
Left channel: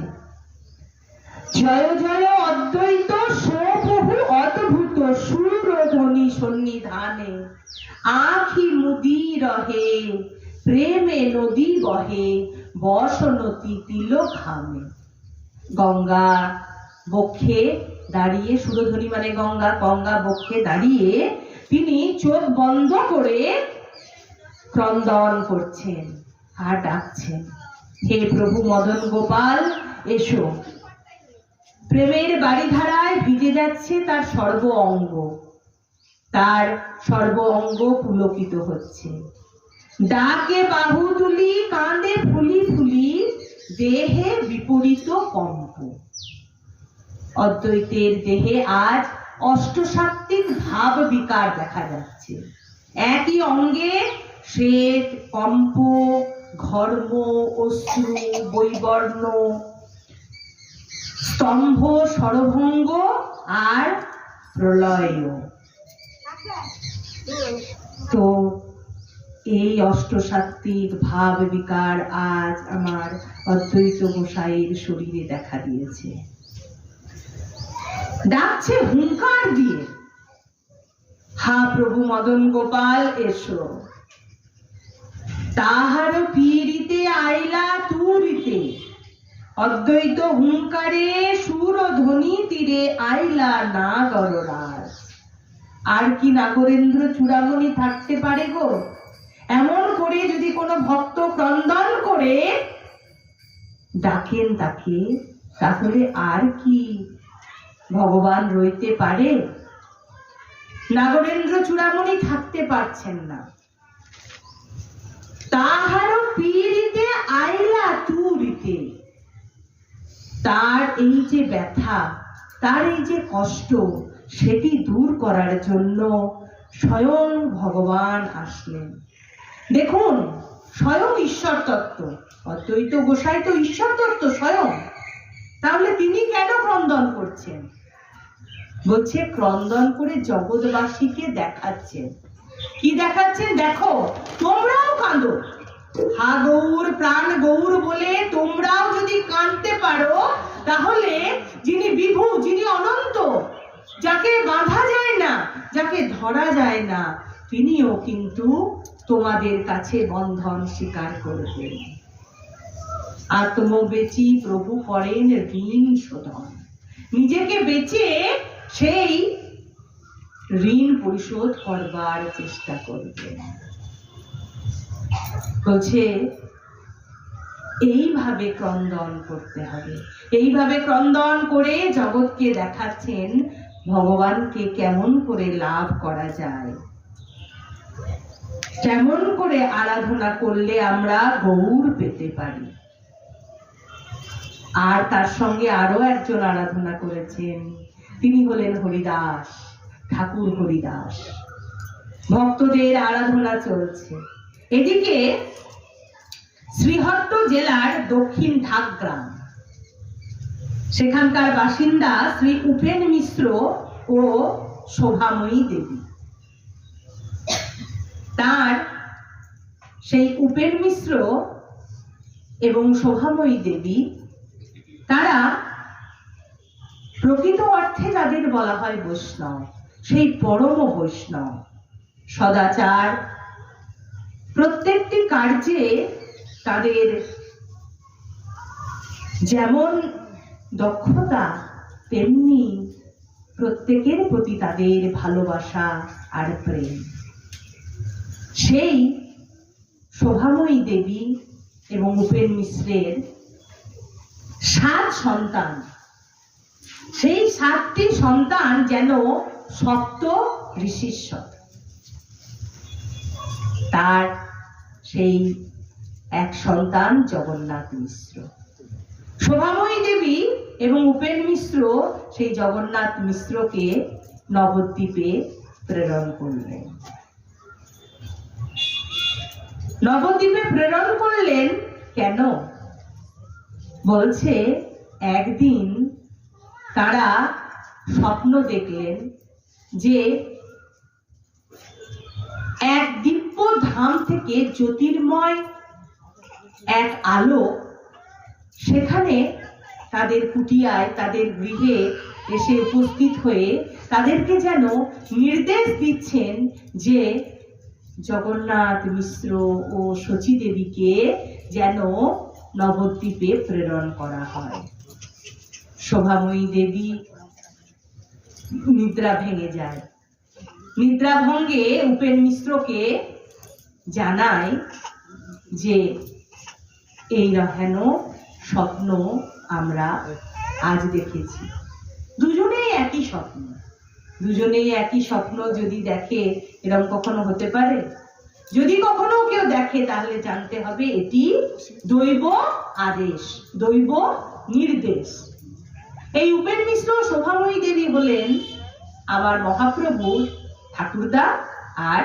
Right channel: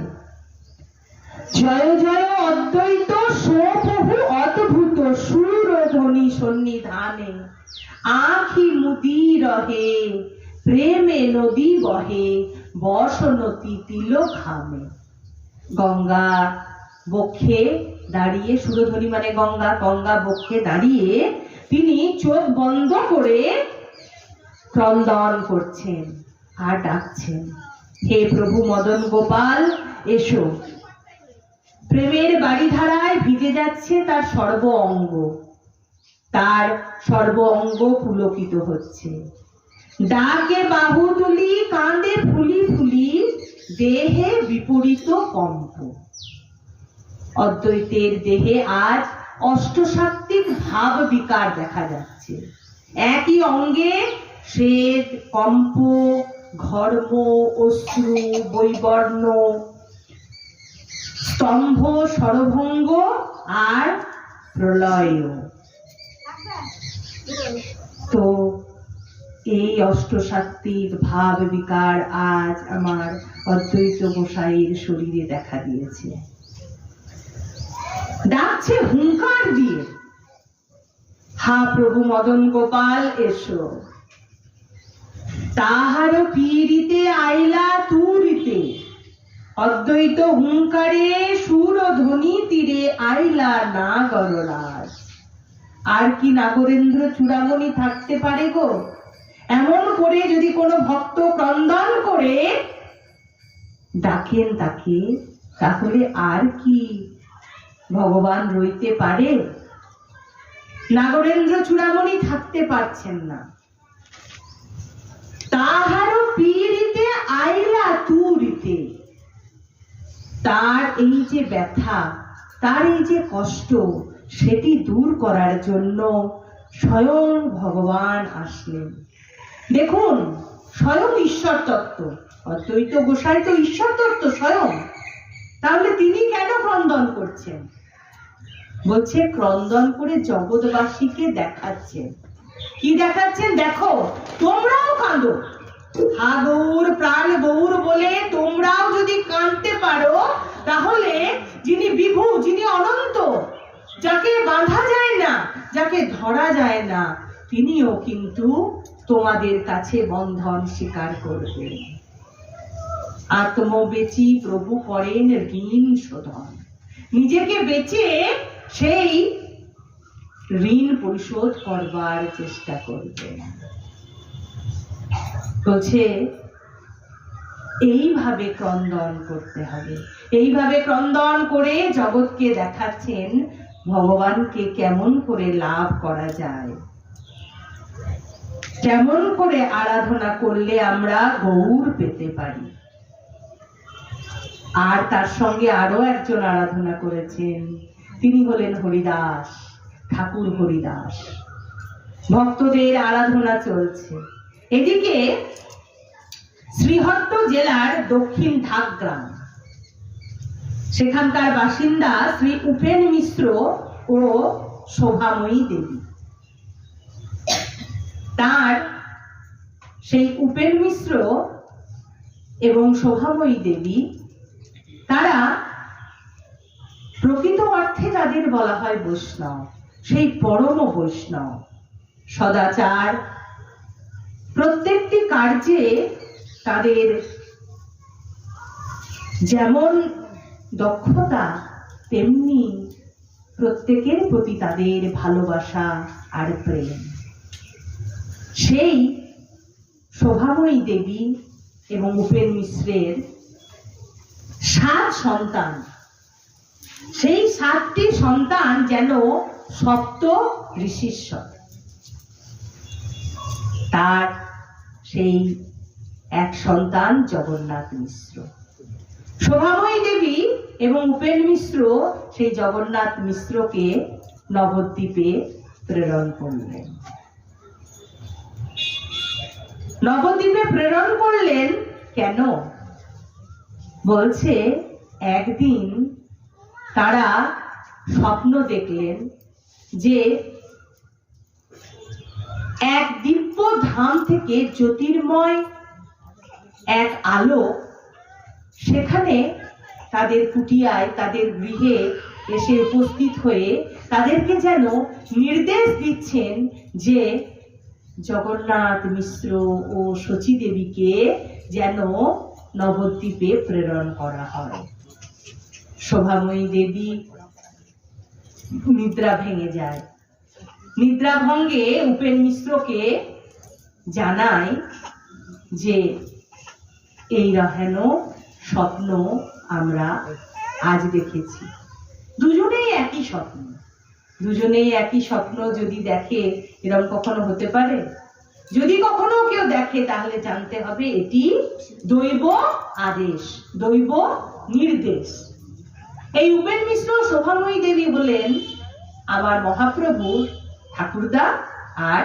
জয় জয় অদ্বৈত সপ্রভু অদ্ভুত সুরধ্বনি সন্নিধানে, আখি মুদি রহে প্রেমে নদী বহে বসনতি তিলক ঘামে। গঙ্গা বক্ষে দাঁড়িয়ে, সুরধ্বনি মানে গঙ্গা, গঙ্গা বক্ষে দাঁড়িয়ে তিনি চোখ বন্ধ করে ক্রন্দন করছেন আর ডাকছেন, হে প্রভু মদন গোপাল এসো। প্রেমের বাড়িধারায় ভিজে যাচ্ছে তার সর্ব অঙ্গ, তার সর্ব অঙ্গ পুলকিত হচ্ছে। ডাকে বাহু তুলি কাঁদে ফুলি ফুলি দেহে বিপরীত কম্প। অদ্বৈতের দেহে আজ অষ্টসাত্ত্বিক ভাব বিকার দেখা যাচ্ছে। একই অঙ্গে শ্বেত কম্প, ঘর্ম, অশ্রু, বৈবর্ণ, স্তম্ভ, সরভঙ্গ আর প্রলয়। তো এই অষ্টসাত্ত্বিক ভাব বিকার আজ আমার অদ্বৈত গোসাইয়ের শরীরে দেখা দিয়েছে। ডাকছে হুঙ্কার দিয়ে, হা প্রভু মদন গোপাল এসো। তাহার পীড়িতে আইলা তুরিতে, অদ্বৈত হুঙ্কারে সুর ধ্বনি তীরে আইলা না গররাজ। আর কি নাগরেন্দ্র চূড়ামণি থাকতে পারে গো? এমন করে যদি কোনো ভক্ত ক্রন্দন করে ডাকেন তাকে, তাহলে আর কি ভগবান রইতে পারে? নাগরেন্দ্র চূড়ামণি থাকতে পারছেন না। তাহারও পীড়িতে আইলা তুরিতে, তার এই যে ব্যথা, তার এই যে কষ্ট, সেটি দূর করার জন্য স্বয়ং ভগবান আসলেন। দেখুন, স্বয়ং ঈশ্বর তত্ত্ব, অদ্বৈত গোসাই তো ঈশ্বর তত্ত্ব স্বয়ং। তাহলে তিনি কেন ক্রন্দন করছেন? বলছে ক্রন্দন করে জগৎবাসীকে দেখাচ্ছেন। কি দেখাচ্ছেন? দেখো, তোমরাও কাঁদো, হা গৌর প্রাণ গৌর বলে তোমরাও যদি কাঁদতে পারো, তাহলে যিনি বিভু, যিনি অনন্ত, যাকে বাঁধা যায় না, যাকে ধরা যায় না, তিনিও কিন্তু তোমাদের কাছে বন্ধন স্বীকার করবেন। আত্মবেচি প্রভু করেন ঋণ শোধন। নিজেকে বেচে সেই ঋণ পরিশোধ করবার চেষ্টা করবেন। বলছে এইভাবে ক্রন্দন করতে হবে। এইভাবে ক্রন্দন করে জগৎকে দেখাচ্ছেন ভগবানকে কেমন করে লাভ করা যায়, কেমন করে আরাধনা করলে আমরা গৌর পেতে পারি। আর তার সঙ্গে আরো একজন আরাধনা করেছেন, তিনি হলেন হরিদাস, ঠাকুর হরিদাস। ভক্তদের আরাধনা চলছে। এদিকে শ্রীহট্ট জেলার দক্ষিণ ঢাক গ্রাম, সেখানকার বাসিন্দা শ্রী উপেন মিশ্র ও শোভাময়ী দেবী। তার সেই উপেন মিশ্র এবং শোভাময়ী দেবী, তারা প্রকৃত অর্থে যাদের বলা হয় বৈষ্ণব, সেই পরম বৈষ্ণব, সদাচার, প্রত্যেকটি কার্যে তাদের যেমন দক্ষতা তেমনি প্রত্যেকের প্রতি তাদের ভালোবাসা আর প্রেম। সেই শোভাময়ী দেবী এবং উপেন মিশ্রের 7 সন্তান, সেই 7টি সন্তান যেন সপ্ত ঋষীশ্বর। তার সেই এক সন্তান জগন্নাথ মিশ্র। শোভাময়ী দেবী এবং উপেন মিশ্র সেই জগন্নাথ মিশ্রকে নবদ্বীপে প্রেরণ করলেন। নবদ্বীপে প্রেরণ করলেন কেন? বলছে একদিন তারা স্বপ্ন দেখলেন যে এক দিব্য ধাম থেকে জ্যোতির্ময় এক আলো সেখানে তাদের কুটিয়ায়, তাদের গৃহে এসে উপস্থিত হয়ে তাদেরকে যেন নির্দেশ দিচ্ছেন যে জগন্নাথ মিশ্র ও শচী দেবীকে যেন নবদ্বীপে প্রেরণ করা হয়। শোভাময়ী দেবী নিদ্রা ভেঙে যায়। নিদ্রা ভঙ্গে উপেন মিশ্রকে জানায় যে এই হেন স্বপ্ন আমরা আজ দেখেছি। দুজনেই একই স্বপ্ন, দুজনেই একই স্বপ্ন যদি দেখে এরকম কখনো হতে পারে? যদি কখনো কেউ দেখে তাহলে জানতে হবে এটি দৈব আদেশ, দৈব নির্দেশ। এই উপেন মিশ্র শোভাময়ী দেবী হলেন আমার মহাপ্রভুর ঠাকুরদা আর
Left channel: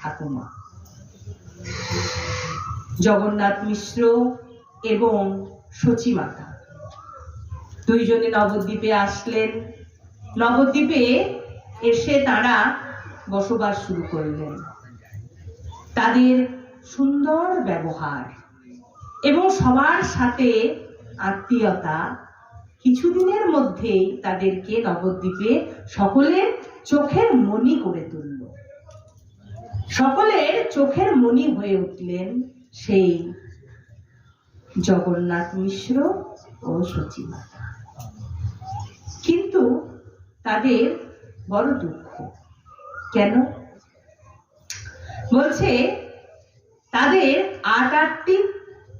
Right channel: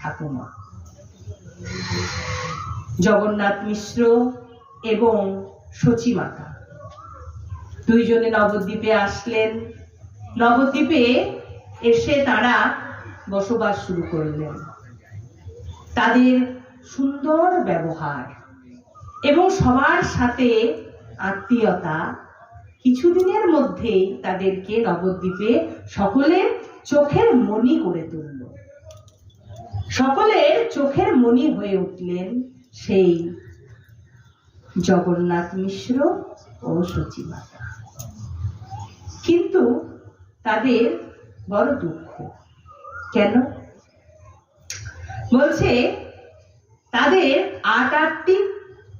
ঠাকুমা। জগন্নাথ মিশ্র এবং শচী মাতা দুইজনে নবদ্বীপে আসলেন। নবদ্বীপে এসে তারা বসবাস শুরু করলেন। তাদের সুন্দর ব্যবহার এবং সবার সাথে আত্মীয়তা কিছুদিনের মধ্যেই তাদেরকে নবদ্বীপে সকলের চোখের মণি করে তুলল। সকলের চোখের মণি হয়ে উঠলেন সেই জগন্নাথ মিশ্র ও শচী মাতা। কিন্তু তাদের বড় দুঃখ। কেন? বলছে তাদের 8টি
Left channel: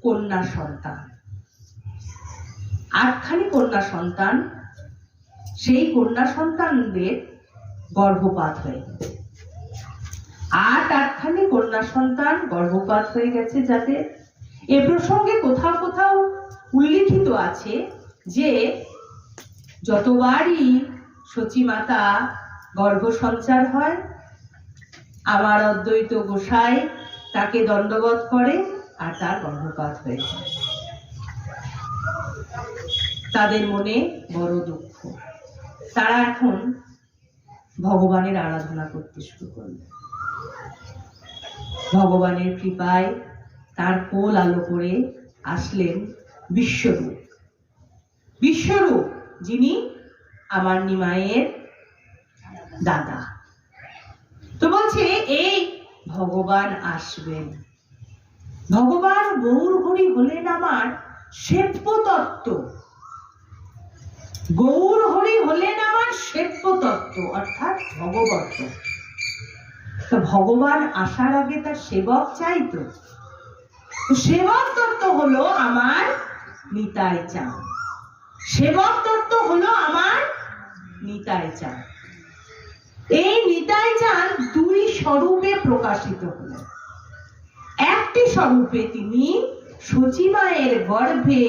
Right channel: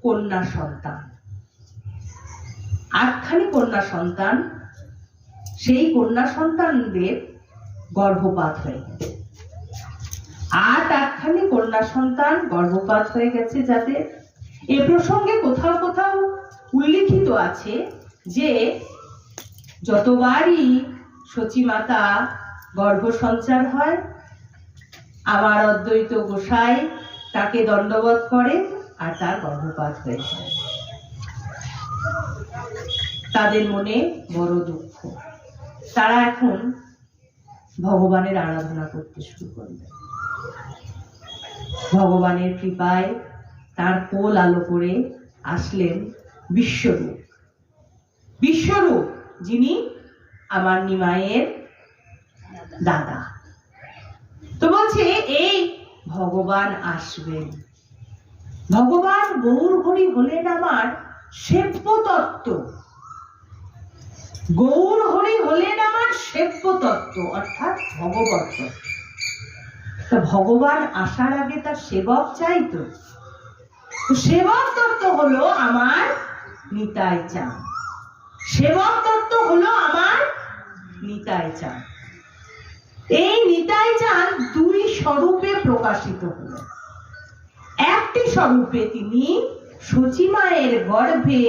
কন্যা সন্তান, 8খানি কন্যা সন্তান। সেই কন্যা সন্তানদের গর্ভপাত হয়ে গেছে। 8খানি কন্যা সন্তান গর্ভপাত হয়ে গেছে। যাতে এ প্রসঙ্গে কোথাও কোথাও উল্লিখিত আছে যে যতবারই শচী মাতা গর্ভ সঞ্চার হয় আমার অদ্বৈত গোসাই তাকে দণ্ডবৎ করে আর তার গর্ভপাত হয়ে যায়। তাদের মনে বড় দুঃখ। তারা এখন ভগবানের আরাধনা করতে শুরু করলেন। ভগবানের কৃপায় তার কোল আলো করে আসলেন বিশ্বরূপ। বিশ্বরূপ যিনি আমার নিমাইয়ের দাদা। তো বলছে এই ভগবান আসবেন। ভগবান গৌর হরি হলেন আমার সেব্য তত্ত্ব। গৌর হরি হলেন আমার সেব্য তত্ত্ব, অর্থাৎ ভগবত তত্ত্ব। তো ভগবান আসার আগে তার সেবক চাইতো। সেবক তত্ত্ব হলো আমার নিতাই চাঁদ। সেবক তত্ত্ব হলো আমার নিতাই চাঁদ। এই নিতাই চাঁদ 2 স্বরূপে প্রকাশিত হলেন। একটি স্বরূপে তিনি শচী মায়ের গর্ভে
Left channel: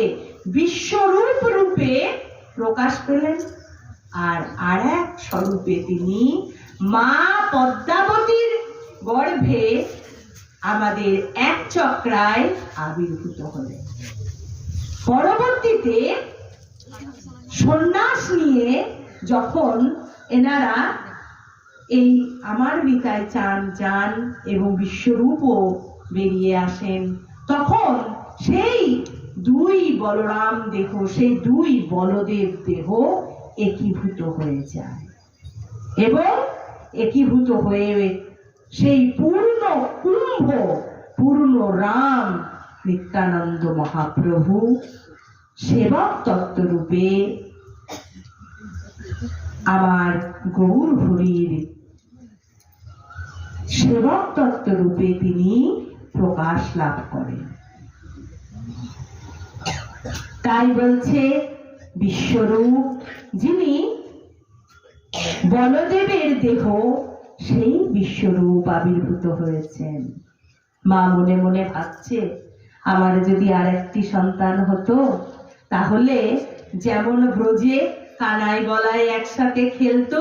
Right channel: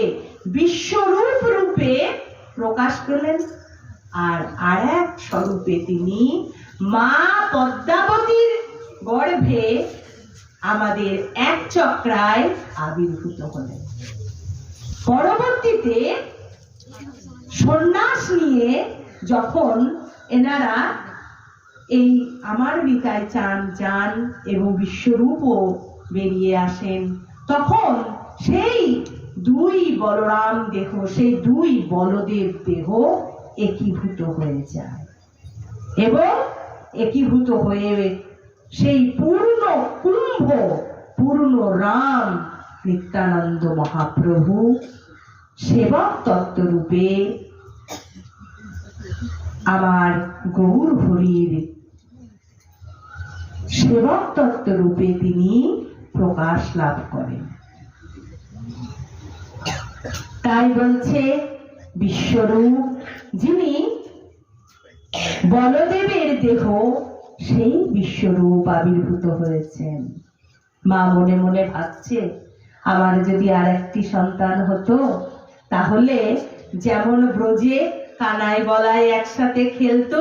বিশ্বরূপ রূপে প্রকাশ পেলেন, আর এক স্বরূপে তিনি মা পদ্মাবতীর গর্ভে আমাদের এক চক্রায় আবির্ভূত হলেন। পরবর্তীতে সন্ন্যাস নিয়ে যখন এনারা এই আমার বিতায় যান এবং বিশ্বরূপও বেরিয়ে আসেন, তখন সেই দুই বলরাম দেহ, সেই দুই বলদেব দেহ একীভূত হয়ে যায় এবং একীভূত হয়ে সেই পূর্ণ কুম্ভ, পূর্ণ রাম নিত্যানন্দ মহাপ্রভু সেবক তত্ত্ব রূপে আমার গৌর হরির সেবক তত্ত্ব রূপে তিনি প্রকাশ লাভ করেন। তাই বলছে বিশ্বরূপ যিনি বলদেবের দেহ, সেই বিশ্বরূপ আবির্ভূত হয়েছেন। মা মনে মনে ভাবছে, আমার যদি আর একটি সন্তান হতো, তাহলে যেমন ব্রজে কানাই বলাই একসাথে খেলতো,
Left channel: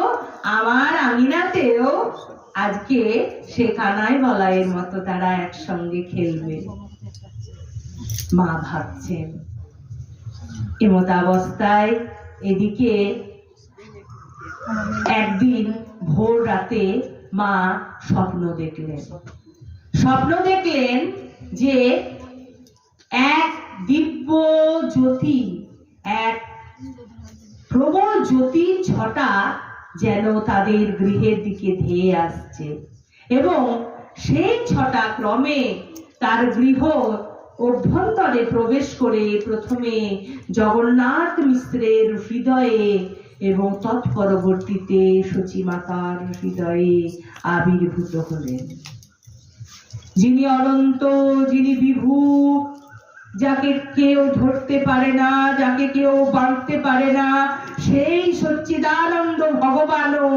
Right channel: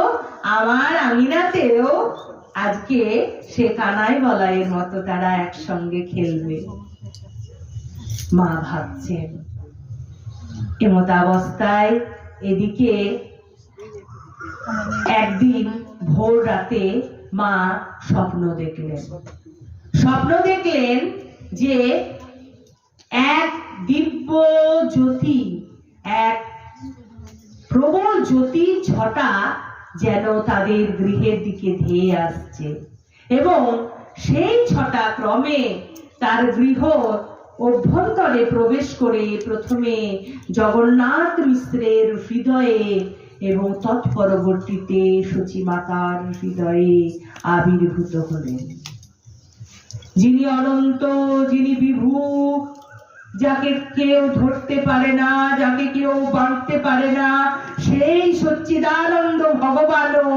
আমার আমিনাতেও আজকে সে কানাই বলাইয়ের মতো তারা একসঙ্গে খেলবে। মা ভাবছেন। এমত অবস্থায় এদিকে একদিন ভোর রাতে মা স্বপ্ন দেখলেন যে এক দিব্য জ্যোতি, এক প্রবল জ্যোতির ছটা যেন তাদের গৃহের দিকে ধেয়ে আসছে এবং সেই ছটা ক্রমে তার গৃহ অভ্যন্তরে প্রবেশ করে প্রথমে জগন্নাথ মিশ্রের হৃদয়ে এবং তৎপরবর্তীতে সচিমাতার হৃদয়ে আবির্ভূত হলেন। যিনি অনন্ত, যিনি বিভু, যাকে কেউ ধরতে পারে না, যাকে কেউ বাঁধতে পারে না, সেই সচ্চিদানন্দ ভগবানও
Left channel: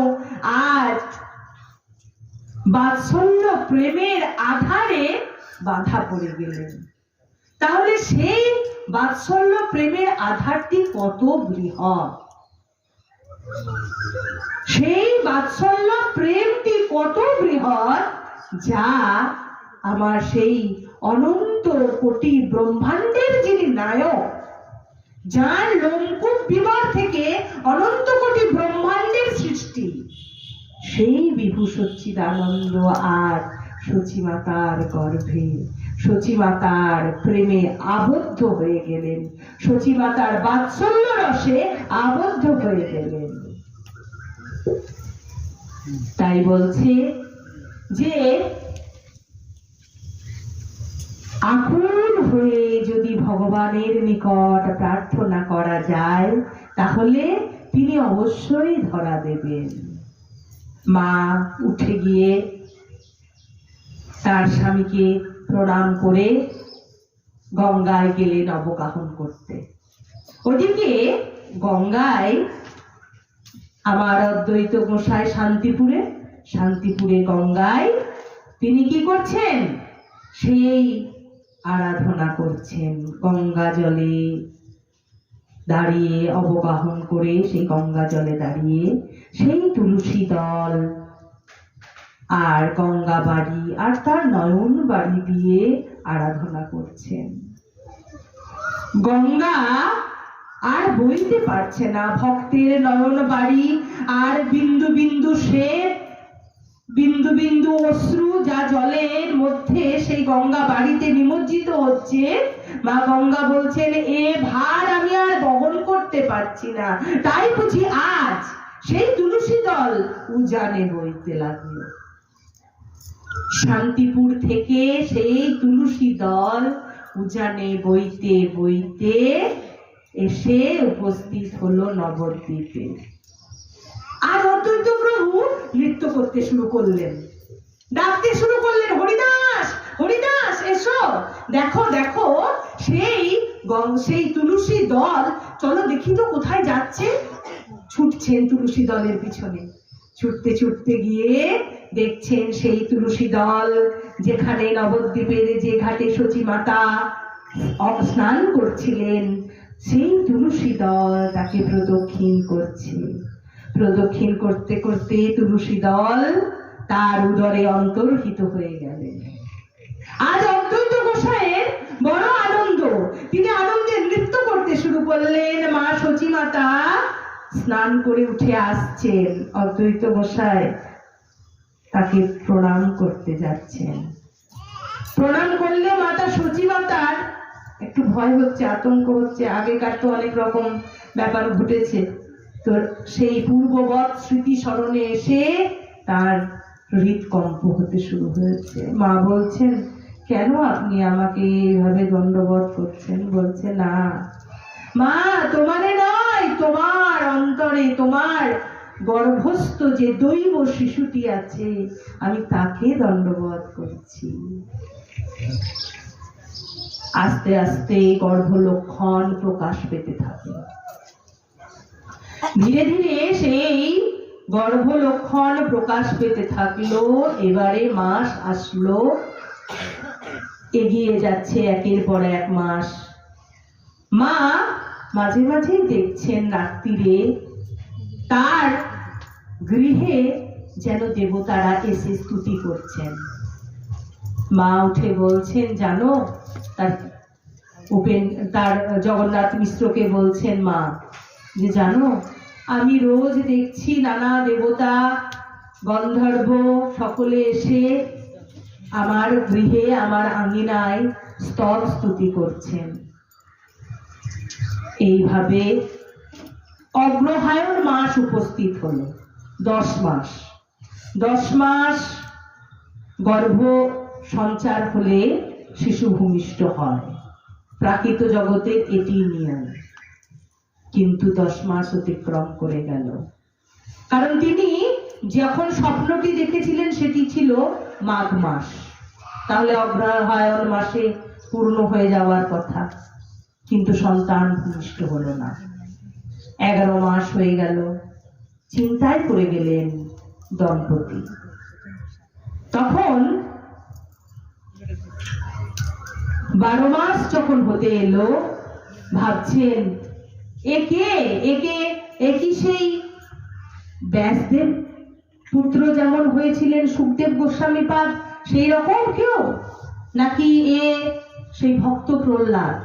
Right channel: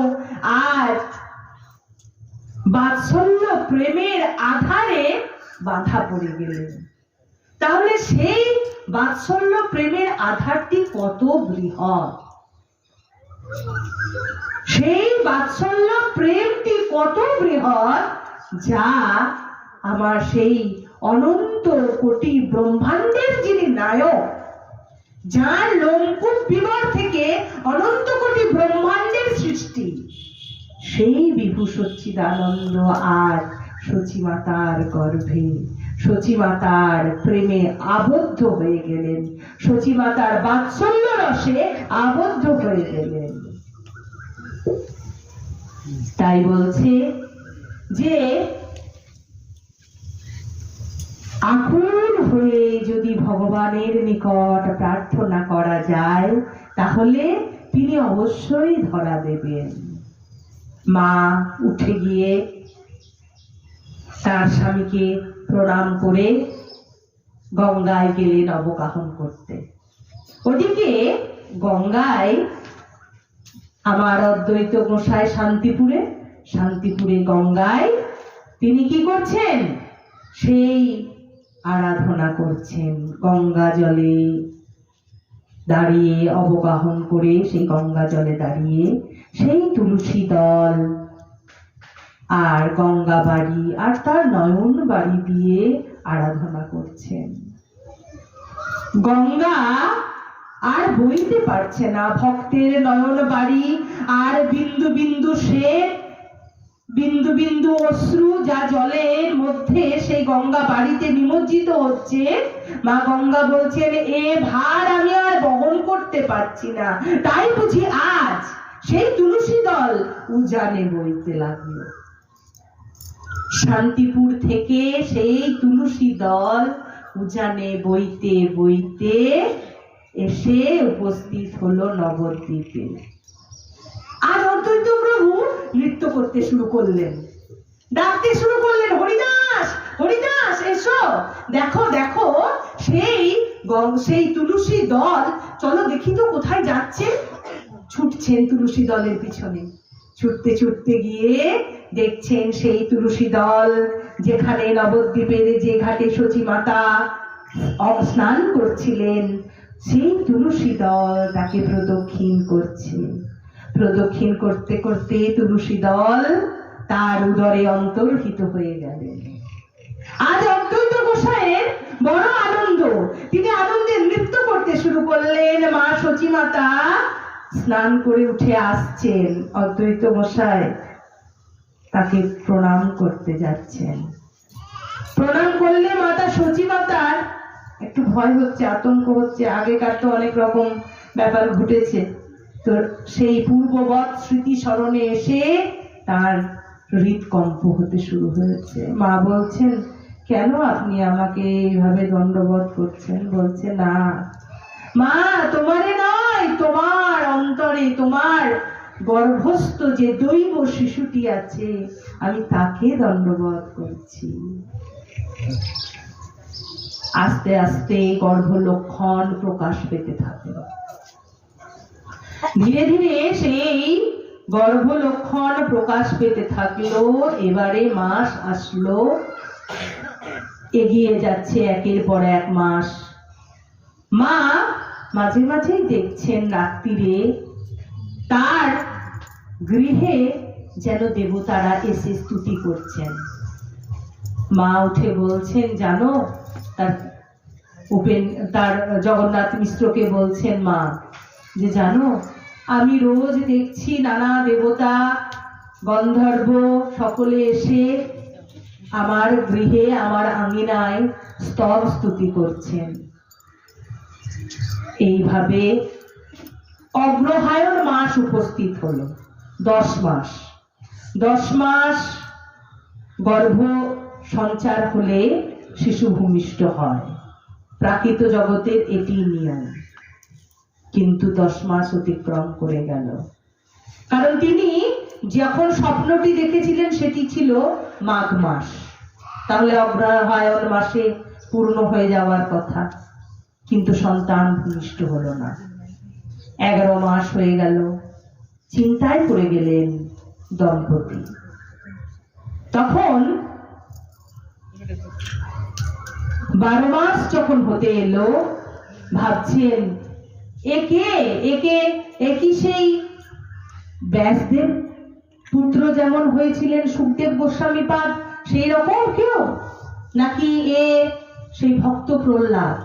আজ বাৎসল্য প্রেমের আধারে বাধা পড়ে গেলেন। তাহলে সেই বাৎসল্য প্রেমের আধারটি কত বৃহৎ, সেই বাৎসল্য প্রেমটি কত বৃহৎ, যা আমার সেই অনন্ত কোটি ব্রহ্মাণ্ডের যিনি নায়ক, যার লোমকূপ বিবর থেকে অনন্ত কোটি ব্রহ্মাণ্ডের সৃষ্টি, সেই বিভু সচ্চিদানন্দ আর সচিমাতার গর্ভে সচিমাতার প্রেমে আবদ্ধ হয়ে গেলেন, সচিমাতার বাৎসল্য রসে আবদ্ধ হয়ে গেলেন। তাই বলছে যে আকুল হয়ে যদি ভগবানের নিকট প্রার্থনা করা যায়, তাহলে তিনি অবশ্যই ধরা দেবেন। মা উঠে গিয়ে তার স্বামীকে প্রণাম করে গঙ্গায় গেলেন অবগাহন করতে। ওদিকে গঙ্গায় আমার অদ্বৈত গোসাই শান্তিপুরে গঙ্গায় তিনি কি করছেন? সেই আরাধনা করছেন। গঙ্গা জলে দাঁড়িয়ে অবগাহন করে, সেই গঙ্গা জলে দাঁড়িয়ে সেই তুলসী দল আর গঙ্গা বাড়ি আর তার নয়ন বাড়ি দিয়ে আরাধনা করছেন। গঙ্গা আর বইতে পারছে না, ভক্তের নয়ন বাড়ি আর বিন্দু বিন্দু শ্বেত, বিন্দু বিন্দু অশ্রু যা জলের মধ্যে সেই গঙ্গা বাড়িতে নিমজ্জিত হচ্ছে। মা গঙ্গা বলছেন, এ ভার আমি আর বহন করতে পারছি না, তাই বুঝি আজ সেই তুলসী দল উজানে বইতে লাগলো। শান্তিপুর থেকে সেই তুলসী দল উজানে বইতে বইতে এসে উপস্থিত হলো নবদ্বীপে। আর অদ্বৈত প্রভু নৃত্য করতে শুরু করলেন, ডাকতে শুরু করলেন, হরিদাস হরিদাস এসো, দেখো দেখো সেই তুলসী দল, চলো দেখি তো কোথায় যাচ্ছে। ছুটছেন তুলসী দলের পিছনে, ছুটতে ছুটতে গিয়ে দেখছেন সেই তুলসী দল যেখানে নবদ্বীপের যে ঘাটে সচিমাতা স্নান করছিলেন, সেই তুলসী দল তাকে প্রদক্ষিণ করছে। প্রদক্ষিণ করতে করতে তুলসী দল তার উদরে অন্তর্হিত হয়ে গেলেন। আজ অদ্বৈত গোসাইয়ের বড় আনন্দ, তিনি আনন্দে নৃত্য করতে শুরু করলেন। মা সচিমাতা স্নান করে উঠে আসছেন, অদ্বৈত গোসাই তাকে প্রণাম করতে যাচ্ছেন। প্রণাম করলে মাতা সচিমাতার একটু ভয় হচ্ছে, আতঙ্ক হচ্ছে। আগেকার তো অনেক রকম ব্যাপার ঘটেছে, তো সেই পূর্ববৎ স্মৃতি স্মরণে এসে তার হৃদকম্প হতে শুরু হয়েছে। মা বলছেন, কেন আপনি আমাকে এইভাবে দণ্ডবৎ করছেন? বলছে, না মা, তোমারে নয়, তোমার অন্তরে, তোমার গর্ভস্থ যে দৈব শিশুটি আছে, আমি তাকে দণ্ডবৎ করছি। আস্তে আস্তে গর্ভ লক্ষণ প্রকাশ পেতে থাকে। ধীরে ধীরে সেই গর্ভ লক্ষণ প্রকাশ পেতে থাকলো। এবারে মাস আসলো, এগিয়ে যাচ্ছে একের পর এক মাস। মা মাঝে মাঝেই দেখছেন রাত্রিরে তার গৃহে যেন দেবতারা এসে স্তুতি করছেন। মা উঠে বলছেন, জানো, তার জগন্নাথ মিশ্রকে বলছেন মা, যে জানো, আমি রোজ দেখছি নানা দেবতা গন্ধর্ব সকলে এসে আমার গৃহে, আমার আঙিনায় স্তব স্তুতি করছেন। এইভাবে অগ্রহায়ণ মাস উপস্থিত হলো। 10 মাস, 10 মাস গর্ভ সঞ্চার হলে শিশু ভূমিষ্ঠ হয়। প্রাকৃত জগতের এটি নিয়ম। কিন্তু 10 মাস অতিক্রম করে গেল, কারণ তিনি যখন স্বপ্নটি দেখেছিলেন সেটি ছিল মাঘ মাস, তাহলে অগ্রহায়ণ মাসে পূর্ণ হয়ে যাওয়ার কথা, কিন্তু সন্তান ভূমিষ্ঠ হলো না। 11 মাস হয়ে গেল। চিন্তায় পড়ে গেলেন দম্পতি। তখন 12 মাস যখন হতে এলো, ভাবছেন, একি সেই ব্যাসদেব পুত্র যেমন হয়েছিলেন সুখদেব গোস্বামীপাদ, সেই রকম কেউ, নাকি এ সেই ভক্ত প্রহ্লাদ?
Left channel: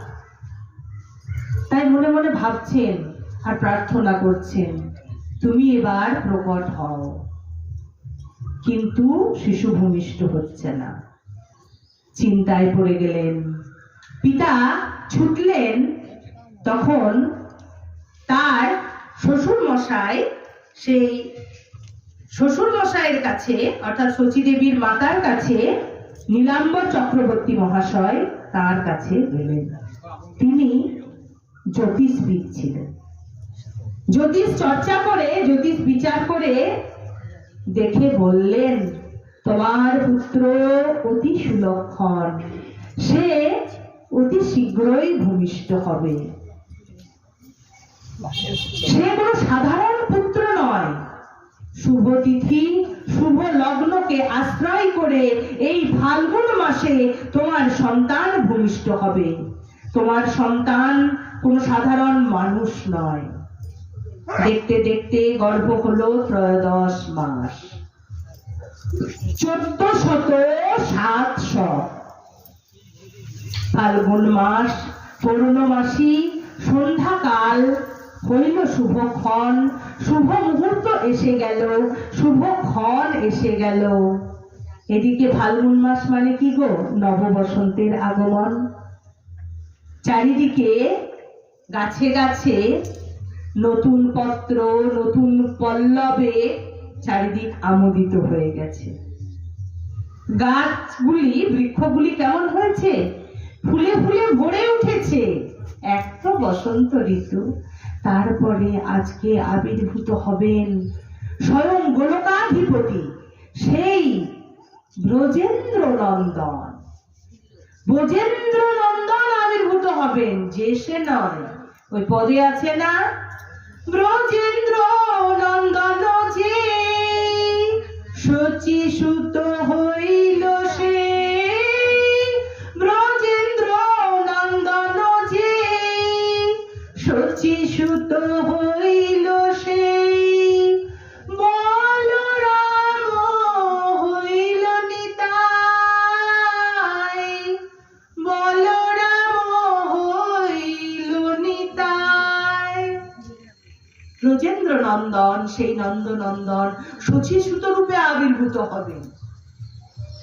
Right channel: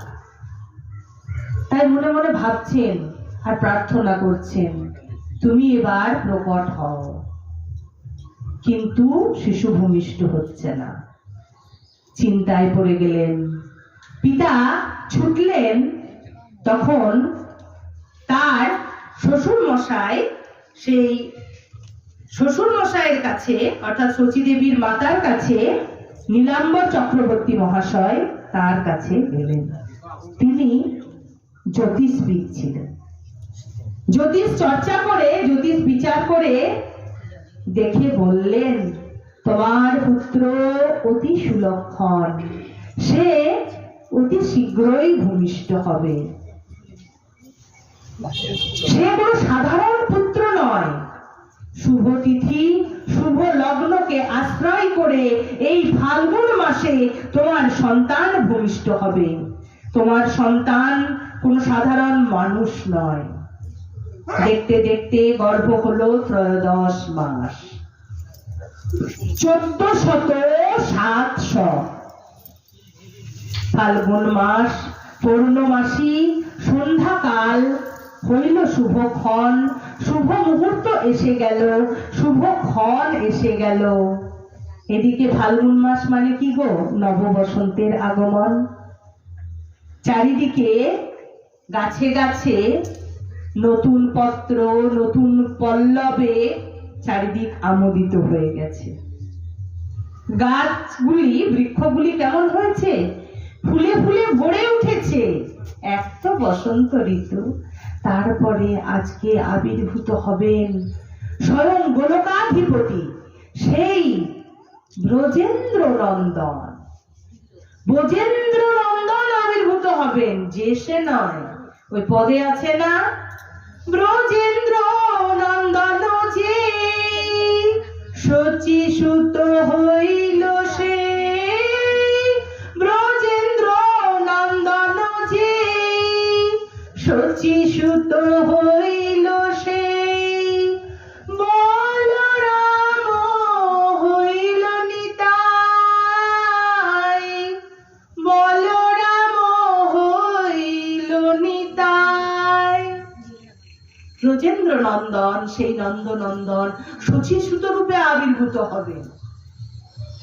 তাই মনে মনে ভাবছেন আর প্রার্থনা করছেন, তুমি এবার প্রকট হও। কিন্তু শিশু ভূমিষ্ঠ হচ্ছে না। চিন্তায় পড়ে গেলেন। পিতা ছুটলেন। তখন তার শ্বশুর মশাই, সেই শ্বশুর মশাইয়ের কাছে, অর্থাৎ শচীদেবীর মাতার কাছে নীলাম্বর চক্রবর্তী মহাশয় তার কাছে গেলেন। তিনি জ্যোতিষবিদ ছিলেন। জ্যোতিষ চর্চা করে, জ্যোতিষ বিচার করে দেখে বললেন, তোমার পুত্র অতি সুলক্ষণ, সে অতি শীঘ্রই ভূমিষ্ঠ হবে। সে কোনো সাধারণ পুত্র নয়। শুভ তিথি, শুভ লগ্নকে আশ্রয় করে এই ফাল্গুন মাসে তোমার সন্তান ভূমিষ্ঠ হবে। তোমার সন্তান কোন সাধারণ মানুষ নয়। দেখতে দেখতে গর্ভ হলো 13 মাস। 1407 ফাল্গুন মাস পূর্ণমাসী সন্ধ্যাকাল হইল শুভক্ষণ। শুভ মুহূর্ত এসে গেল, শুভক্ষণ এসে গেল। এদিকে ফাল্গুন মাস মানে কি গো? নব বসন্তের আগমন। চারিদিকে গাছে গাছে নতুন পত্র, নতুন পল্লবে চারিদিক আমোদিত হয়ে গেছে। গাছগুলি, বৃক্ষগুলি কেমন হয়েছে? ফুলে ফুলে ভরে উঠেছে। এক তো বসন্ত ঋতু, তারপরে আজকে আবির্ভূত হবেন স্বয়ং গোলকাধিপতি, সেই ব্রজেন্দ্র নন্দন। ব্রজেন্দ্র নন্দন আবির্ভূত হবেন, যে সে নয়। ওই পদে আছে না, ব্রজেন্দ্র নন্দন যে শচী সুত হইল সে, ব্রজেন্দ্র নন্দন যে ব্রজেন্দ্র নন্দন, সেই নন্দনন্দন শচীসুত রূপে আবির্ভূত হবে।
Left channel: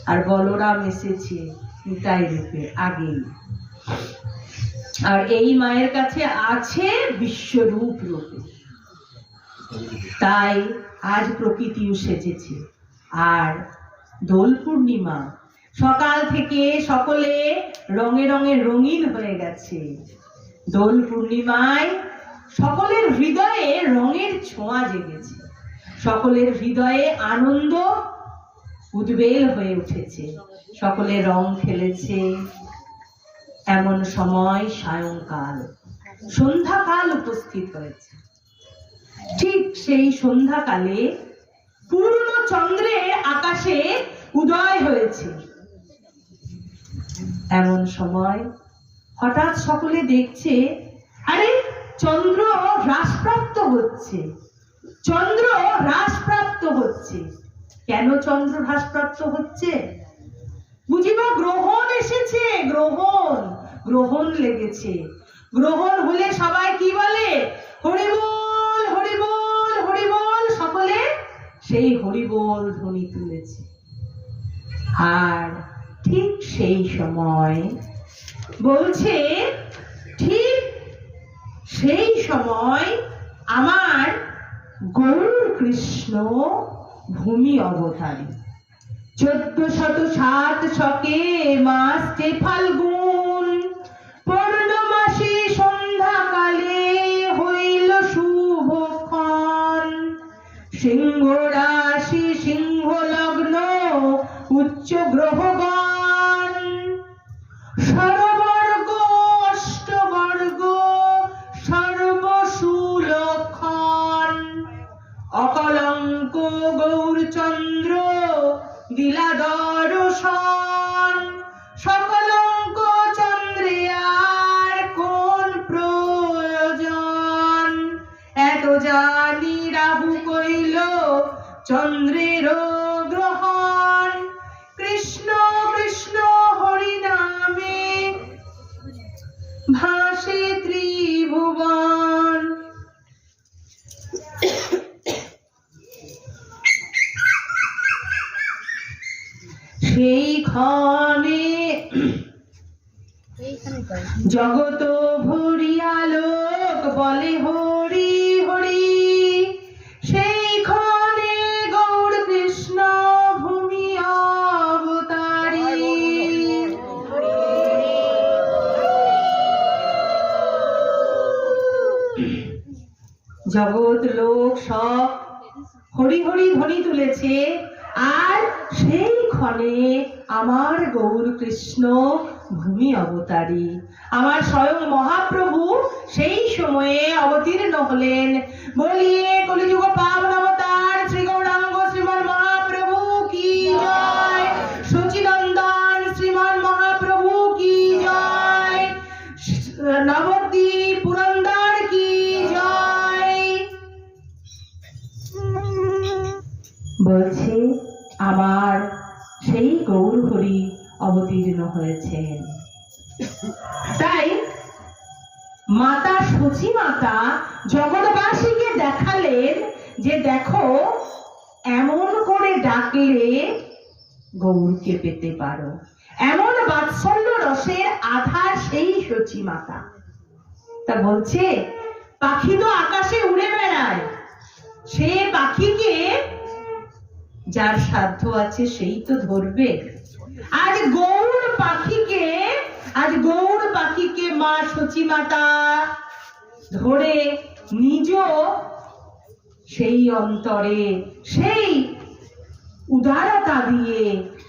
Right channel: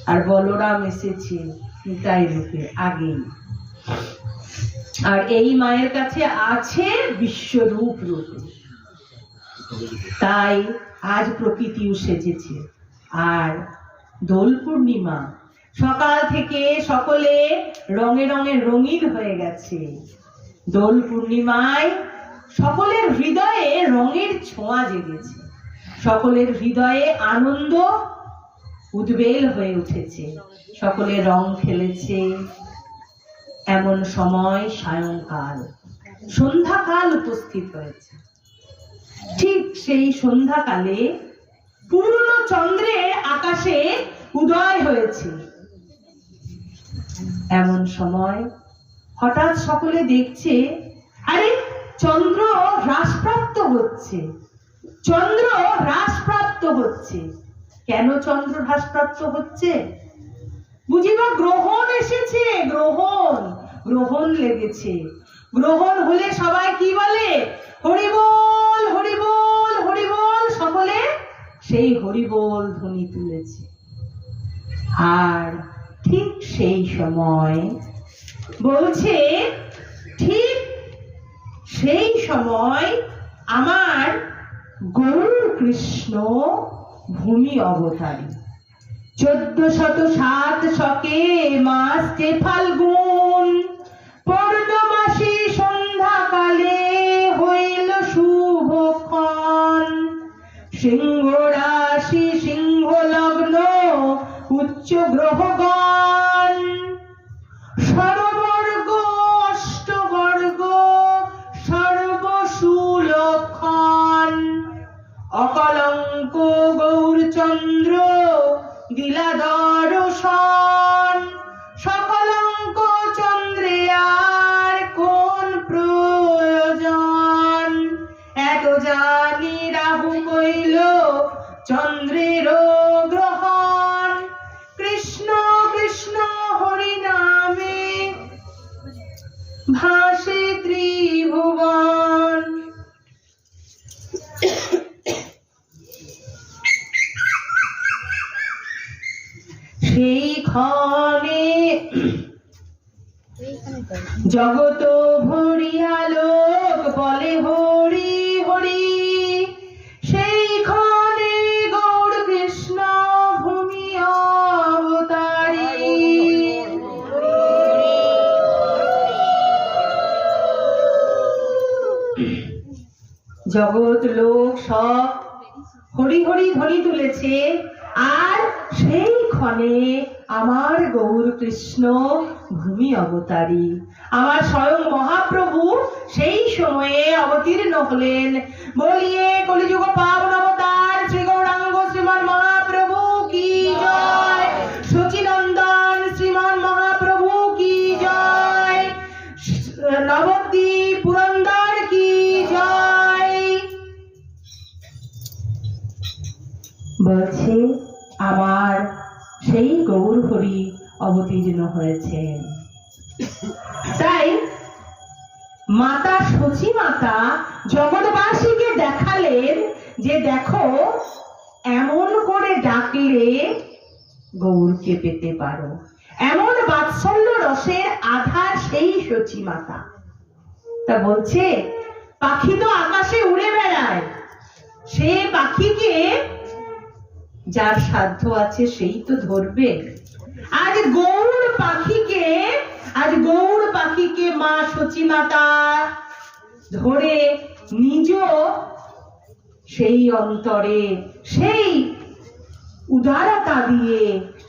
আর বলরাম এসেছে নিতাই রূপে আগেই। আর এই মায়ের কাছে আছে বিশ্বরূপ রূপে। তাই আজ প্রকৃতিও সেজেছে। আর দোল পূর্ণিমা, সকাল থেকে সকলে রঙে রঙে রঙিন হয়ে গেছে। দোল পূর্ণিমায় সকলের হৃদয়ে রঙের ছোঁয়া জেগেছে, সকলের হৃদয়ে আনন্দ উদ্বেল হয়ে উঠেছে, সকলে রং খেলেছে। এমন সময় সায়ংকাল, সন্ধ্যাকাল উপস্থিত হয়েছে। ঠিক সেই সন্ধ্যাকালে পূর্ণ চন্দ্রে আকাশে উদয় হয়েছে। এমন সময় হঠাৎ সকলে দেখছে, আরে চন্দ্র হ্রাসপ্রাপ্ত হচ্ছে, চন্দ্র হ্রাসপ্রাপ্ত হচ্ছে। কেন চন্দ্র হ্রাসপ্রাপ্ত হচ্ছে? বুঝিবা গ্রহণ এসেছে, গ্রহণ, গ্রহণ লেগেছে। গ্রহণ হলে সবাই কি বলে? হরিবোল হরিবোল হরিবোল। সকলে সেই হরিবোল ধ্বনি তুলেছে। আর ঠিক সেই সময় বলছে, ঠিক সেই সময় আমার গৌর কৃষ্ণ ভূমি অবতারী। 1407 শকে মাসে ফাল্গুন, পূর্ণমাসী সন্ধ্যাকালে হইল শুভক্ষণ। সিংহ রাশি সিংহ লগ্ন উচ্চ গ্রহগণ, সর্ববর্গ অষ্টবর্গ সর্বসুলক্ষণ। অকলঙ্ক গৌরচন্দ্র দিলা দর্শন, সকলঙ্ক চন্দ্রে আর কোন প্রয়োজন। এত জানি রাহু কইল চন্দ্রের গ্রহণ, কৃষ্ণ কৃষ্ণ হরি নামে ভাসে ত্রিভুবন। সেই ক্ষণে জগত ভরিয়া লোক বলে হরি হরি। সেই ক্ষণে গৌর কৃষ্ণ ভূমি অবতারী। জগৎ লোক সব হরি হরি ধ্বনি তুলেছে। আর সেই ক্ষণে আমার গৌর কৃষ্ণ ভূমি অবতারী, আমার স্বয়ং মহাপ্রভু সেই সময়ে অবতীর্ণ হলেন। বলিয়ে কলিযুগ পাবন অবতার শ্রী গৌরাঙ্গ শ্রীমান মহাপ্রভু কি জয়, সচিনন্দন শ্রীমান মহাপ্রভু কি জয়, নবদ্বীপ পুরন্দর কি জয়। বলছে আমার সেই গৌর হরি অবতীর্ণ হয়েছেন। তাই মাতা সচী মাতা জগৎবাসীকে দেখালেন যে দেখো, এমন করে ডাকলে গৌরকে পেতে পারো। এমন বাৎসল্য রসের আধার সেই সচী মাতা। তা বলছে পাখি তো আকাশে উড়ে বেড়ায়, সে পাখিকে যার সাধ্য আছে সেই তো ধরবে। আজ গৌর পাখিকে মা সচী মাতা ধরে নিজ সেই অন্তরে সেই উদারতা দিয়ে,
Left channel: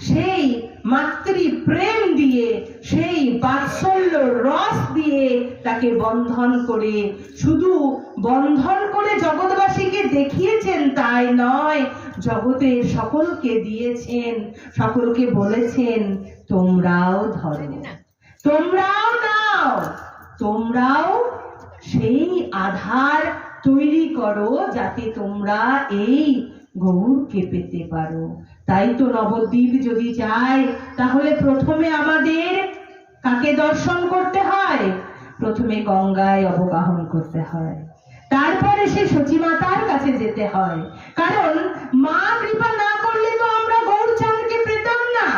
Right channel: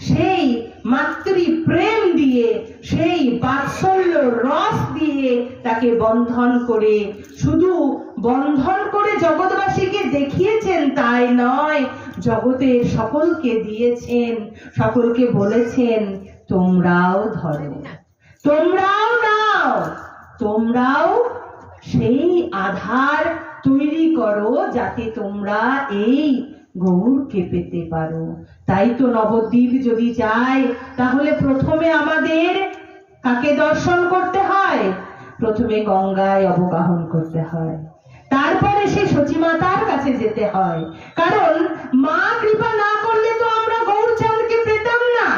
সেই মাতৃ প্রেম দিয়ে, সেই বাৎসল্য রস দিয়ে তাকে বন্ধন করে, শুধু বন্ধন করে জগৎবাসীকে দেখিয়েছেন তাই নয়, জগতের সকলকে দিয়েছেন, সকলকে বলেছেন তোমরাও ধরো, তোমরাও নাও, তোমরাও সেই আধার তৈরি করো যাতে তোমরা এই গৌরকে পেতে পারো। তাই তো নবদ্বীপ যদি যায় তাহলে প্রথমে আমাদের কাকে দর্শন করতে হয়? প্রথমে গঙ্গায় অবগাহন করতে হয়, তারপরে সেই সচিমাতার কাছে যেতে হয়, কারণ মা কৃপা না করলে তো আমরা গৌরচাঁদকে পেতাম না।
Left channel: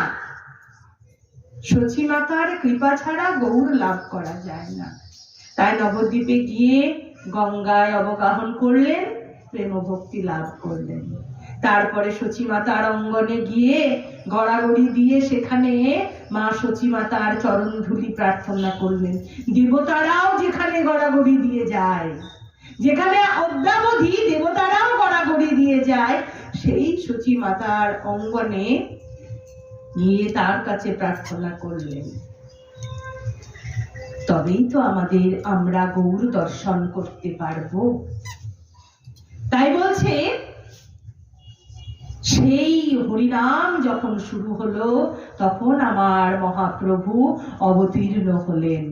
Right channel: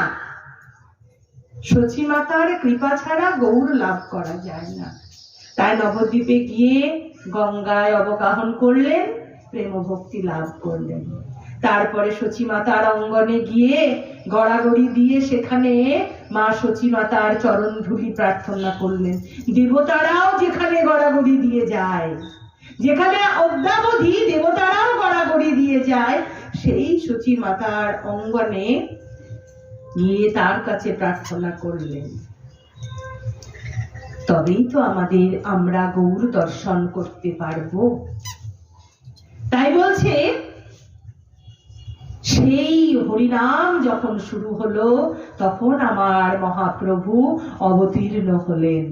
সচিমাতার কৃপা ছাড়া গৌর লাভ করা যায় না। তাই নবদ্বীপে গিয়ে গঙ্গায় অবগাহন করলেন, প্রেম ভক্তি লাভ করলেন। তারপরে সচিমাতার অঙ্গনে গিয়ে গড়াগড়ি দিয়ে সেখানে মা সচিমাতার চরণ ধুলি প্রার্থনা করলেন। দেবতারাও যেখানে গড়াগড়ি দিয়ে যায়, যেখানে অদ্যাবধি দেবতারাও গড়াগড়ি দিয়ে যায়, সেই সচিমাতার অঙ্গনে গিয়ে তার কাছে প্রার্থনা করলেন। তবেই তো আমরা গৌর দর্শন করতে পারবো। তাই বলছে, সেই হরিনাম যখন শুরু হলো তখন আমার মহাপ্রভু অবতীর্ণ হলেন।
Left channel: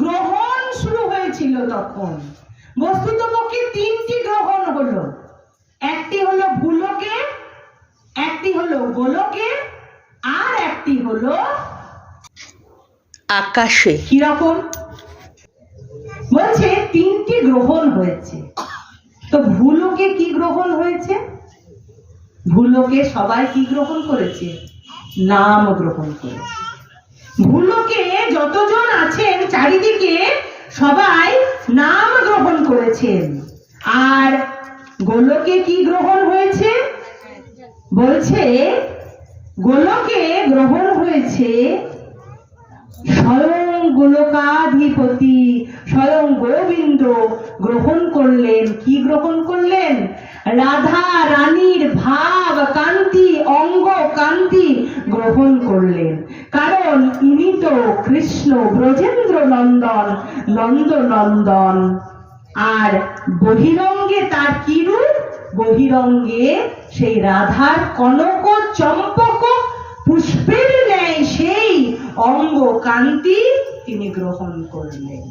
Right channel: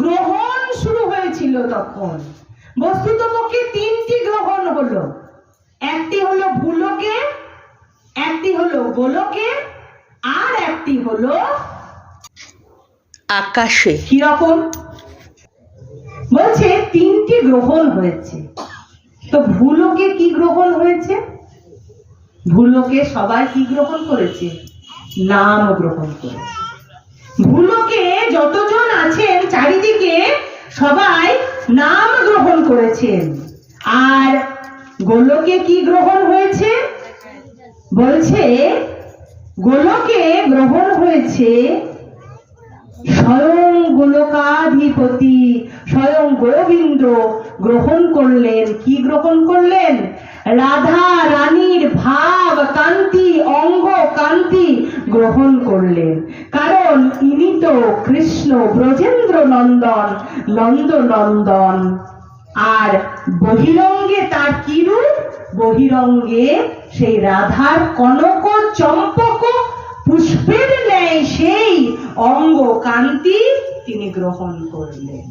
গ্রহণ শুরু হয়েছিল তখন। বস্তুতপক্ষে তিনটি গ্রহণ হলো, একটি হলো ভূলোকে, একটি হলো গোলকে, আর একটি হলো আকাশে। কিরকম বলছে, তিনটি গ্রহণ হয়েছে। তো ভূলোকে কি গ্রহণ হয়েছে? ভূলোকে সবাই কি গ্রহণ করেছে? নাম গ্রহণ করেছে। ভূলোকে যতজন আছেন চারিদিকে সবাই নাম গ্রহণ করেছেন। আর গোলকে কি গ্রহণ হয়েছে? বলছে গোলকে গ্রহণ হয়েছে স্বয়ং গোলকাধিপতি স্বয়ং গোবিন্দ গ্রহণ করলেন। কি গ্রহণ করলেন? রাধা রানীর ভাব কান্তি, অঙ্গ কান্তি গ্রহণ করলেন। কারণ ইনি তো কৃষ্ণ ব্রজেন্দ্র নন্দন, নন্দ নন্দন। আর বহিরঙ্গে তার কি রূপ? বহিরঙ্গে সেই রাধার কনক চম্পক পুষ্পের ন্যায় সেই অঙ্গ কান্তি তিনি গ্রহণ করলেন।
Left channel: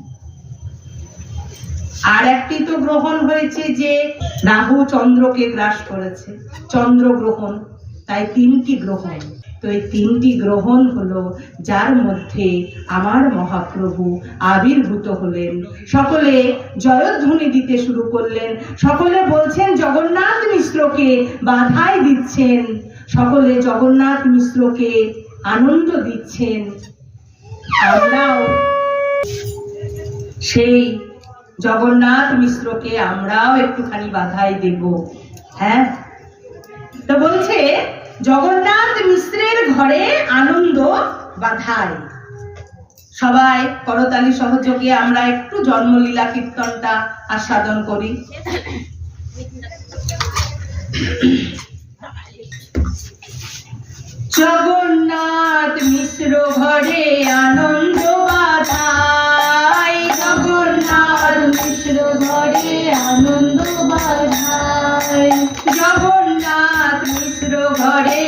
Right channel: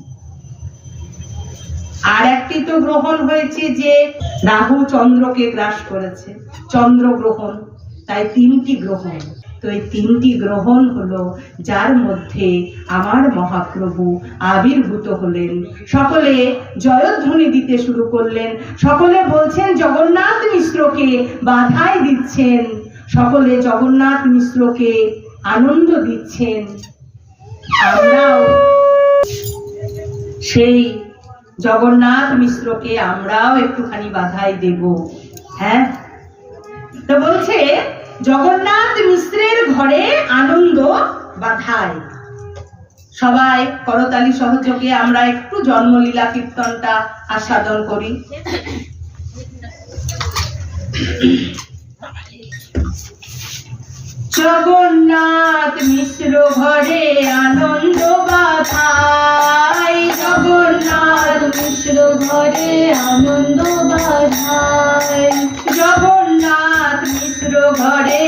আর একটি তো গ্রহণ হয়েছে যে রাহু চন্দ্রকে গ্রাস করেছে, চন্দ্র গ্রহণ। তাই তিনটি গ্রহণ। তো এই তিনটি গ্রহণ হলো যার মধ্যে আমার মহাপ্রভু আবির্ভূত হলেন। সকলে জয়ধ্বনি দিতে শুরু করলেন, সকলে বলছেন জগন্নাথ মিশ্রকে বাধাই দিচ্ছেন, সকলে জগন্নাথ মিশ্রকে আনন্দ দিচ্ছেন। আমরাও সেই জগন্নাথ মিশ্রকে আমরাও একটুখানি বাধাই দেব। হ্যাঁ, তো বলছে জগন্নাথ মিশ্রের ঘরে আনন্দ বাধাই। সবাই করতালি সহযোগে আমরা একটু জন্মলীলা কীর্তনটা আস্বাদন করি। জগন্নাথ মিশ্র ঘরে আনন্দ বাধাই, জগন্নাথ মিশ্র ঘরে আনন্দ বাধাই, জগন্নাথ মিশ্র ঘরে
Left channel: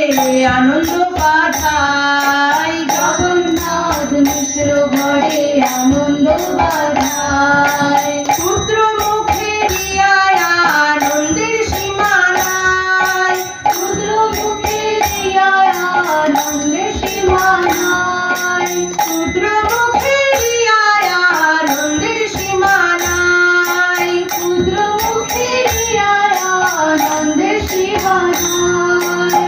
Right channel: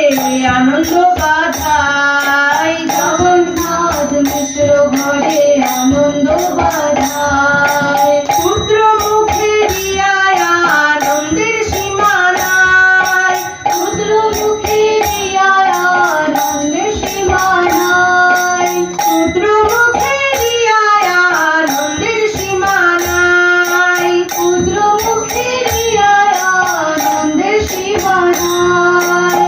আনন্দ বাধাই, জগন্নাথ মিশ্র ঘরে আনন্দ বাধাই। পুত্র মুখে দিয়ায় আনন্দের সীমা নাই, পুত্র মুখে দিয়ায় আনন্দের সীমা নাই, পুত্র মুখে দিয়ায় আনন্দের সীমা নাই, পুত্র মুখে দিয়ায় আনন্দের সীমা নাই,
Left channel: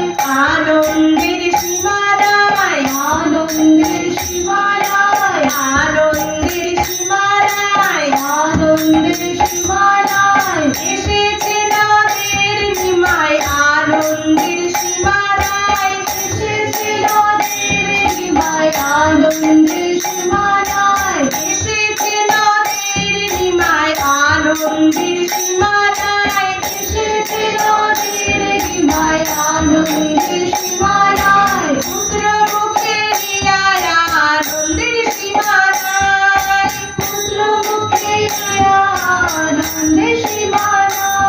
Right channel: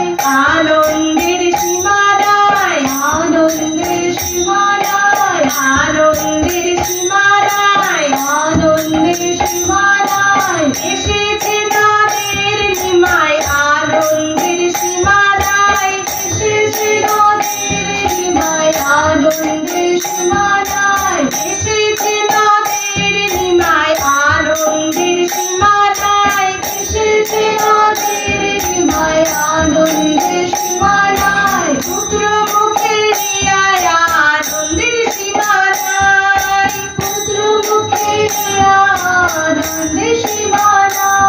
আনন্দের সীমা নাই, আনন্দের সীমা নাই, আনন্দের সীমা নাই, আনন্দের সীমা নাই। এসেছে নদের নিমায় আনন্দের সীমা নাই, এসেছে নদের নিমায় আনন্দের সীমা নাই, এসেছে নদের নিমায় আনন্দের সীমা নাই, এসেছে নদের নিমায় আনন্দের সীমা নাই। পুত্র মুখে দিয়ায় আনন্দের সীমা নাই, পুত্র মুখে দিয়ায় আনন্দের সীমা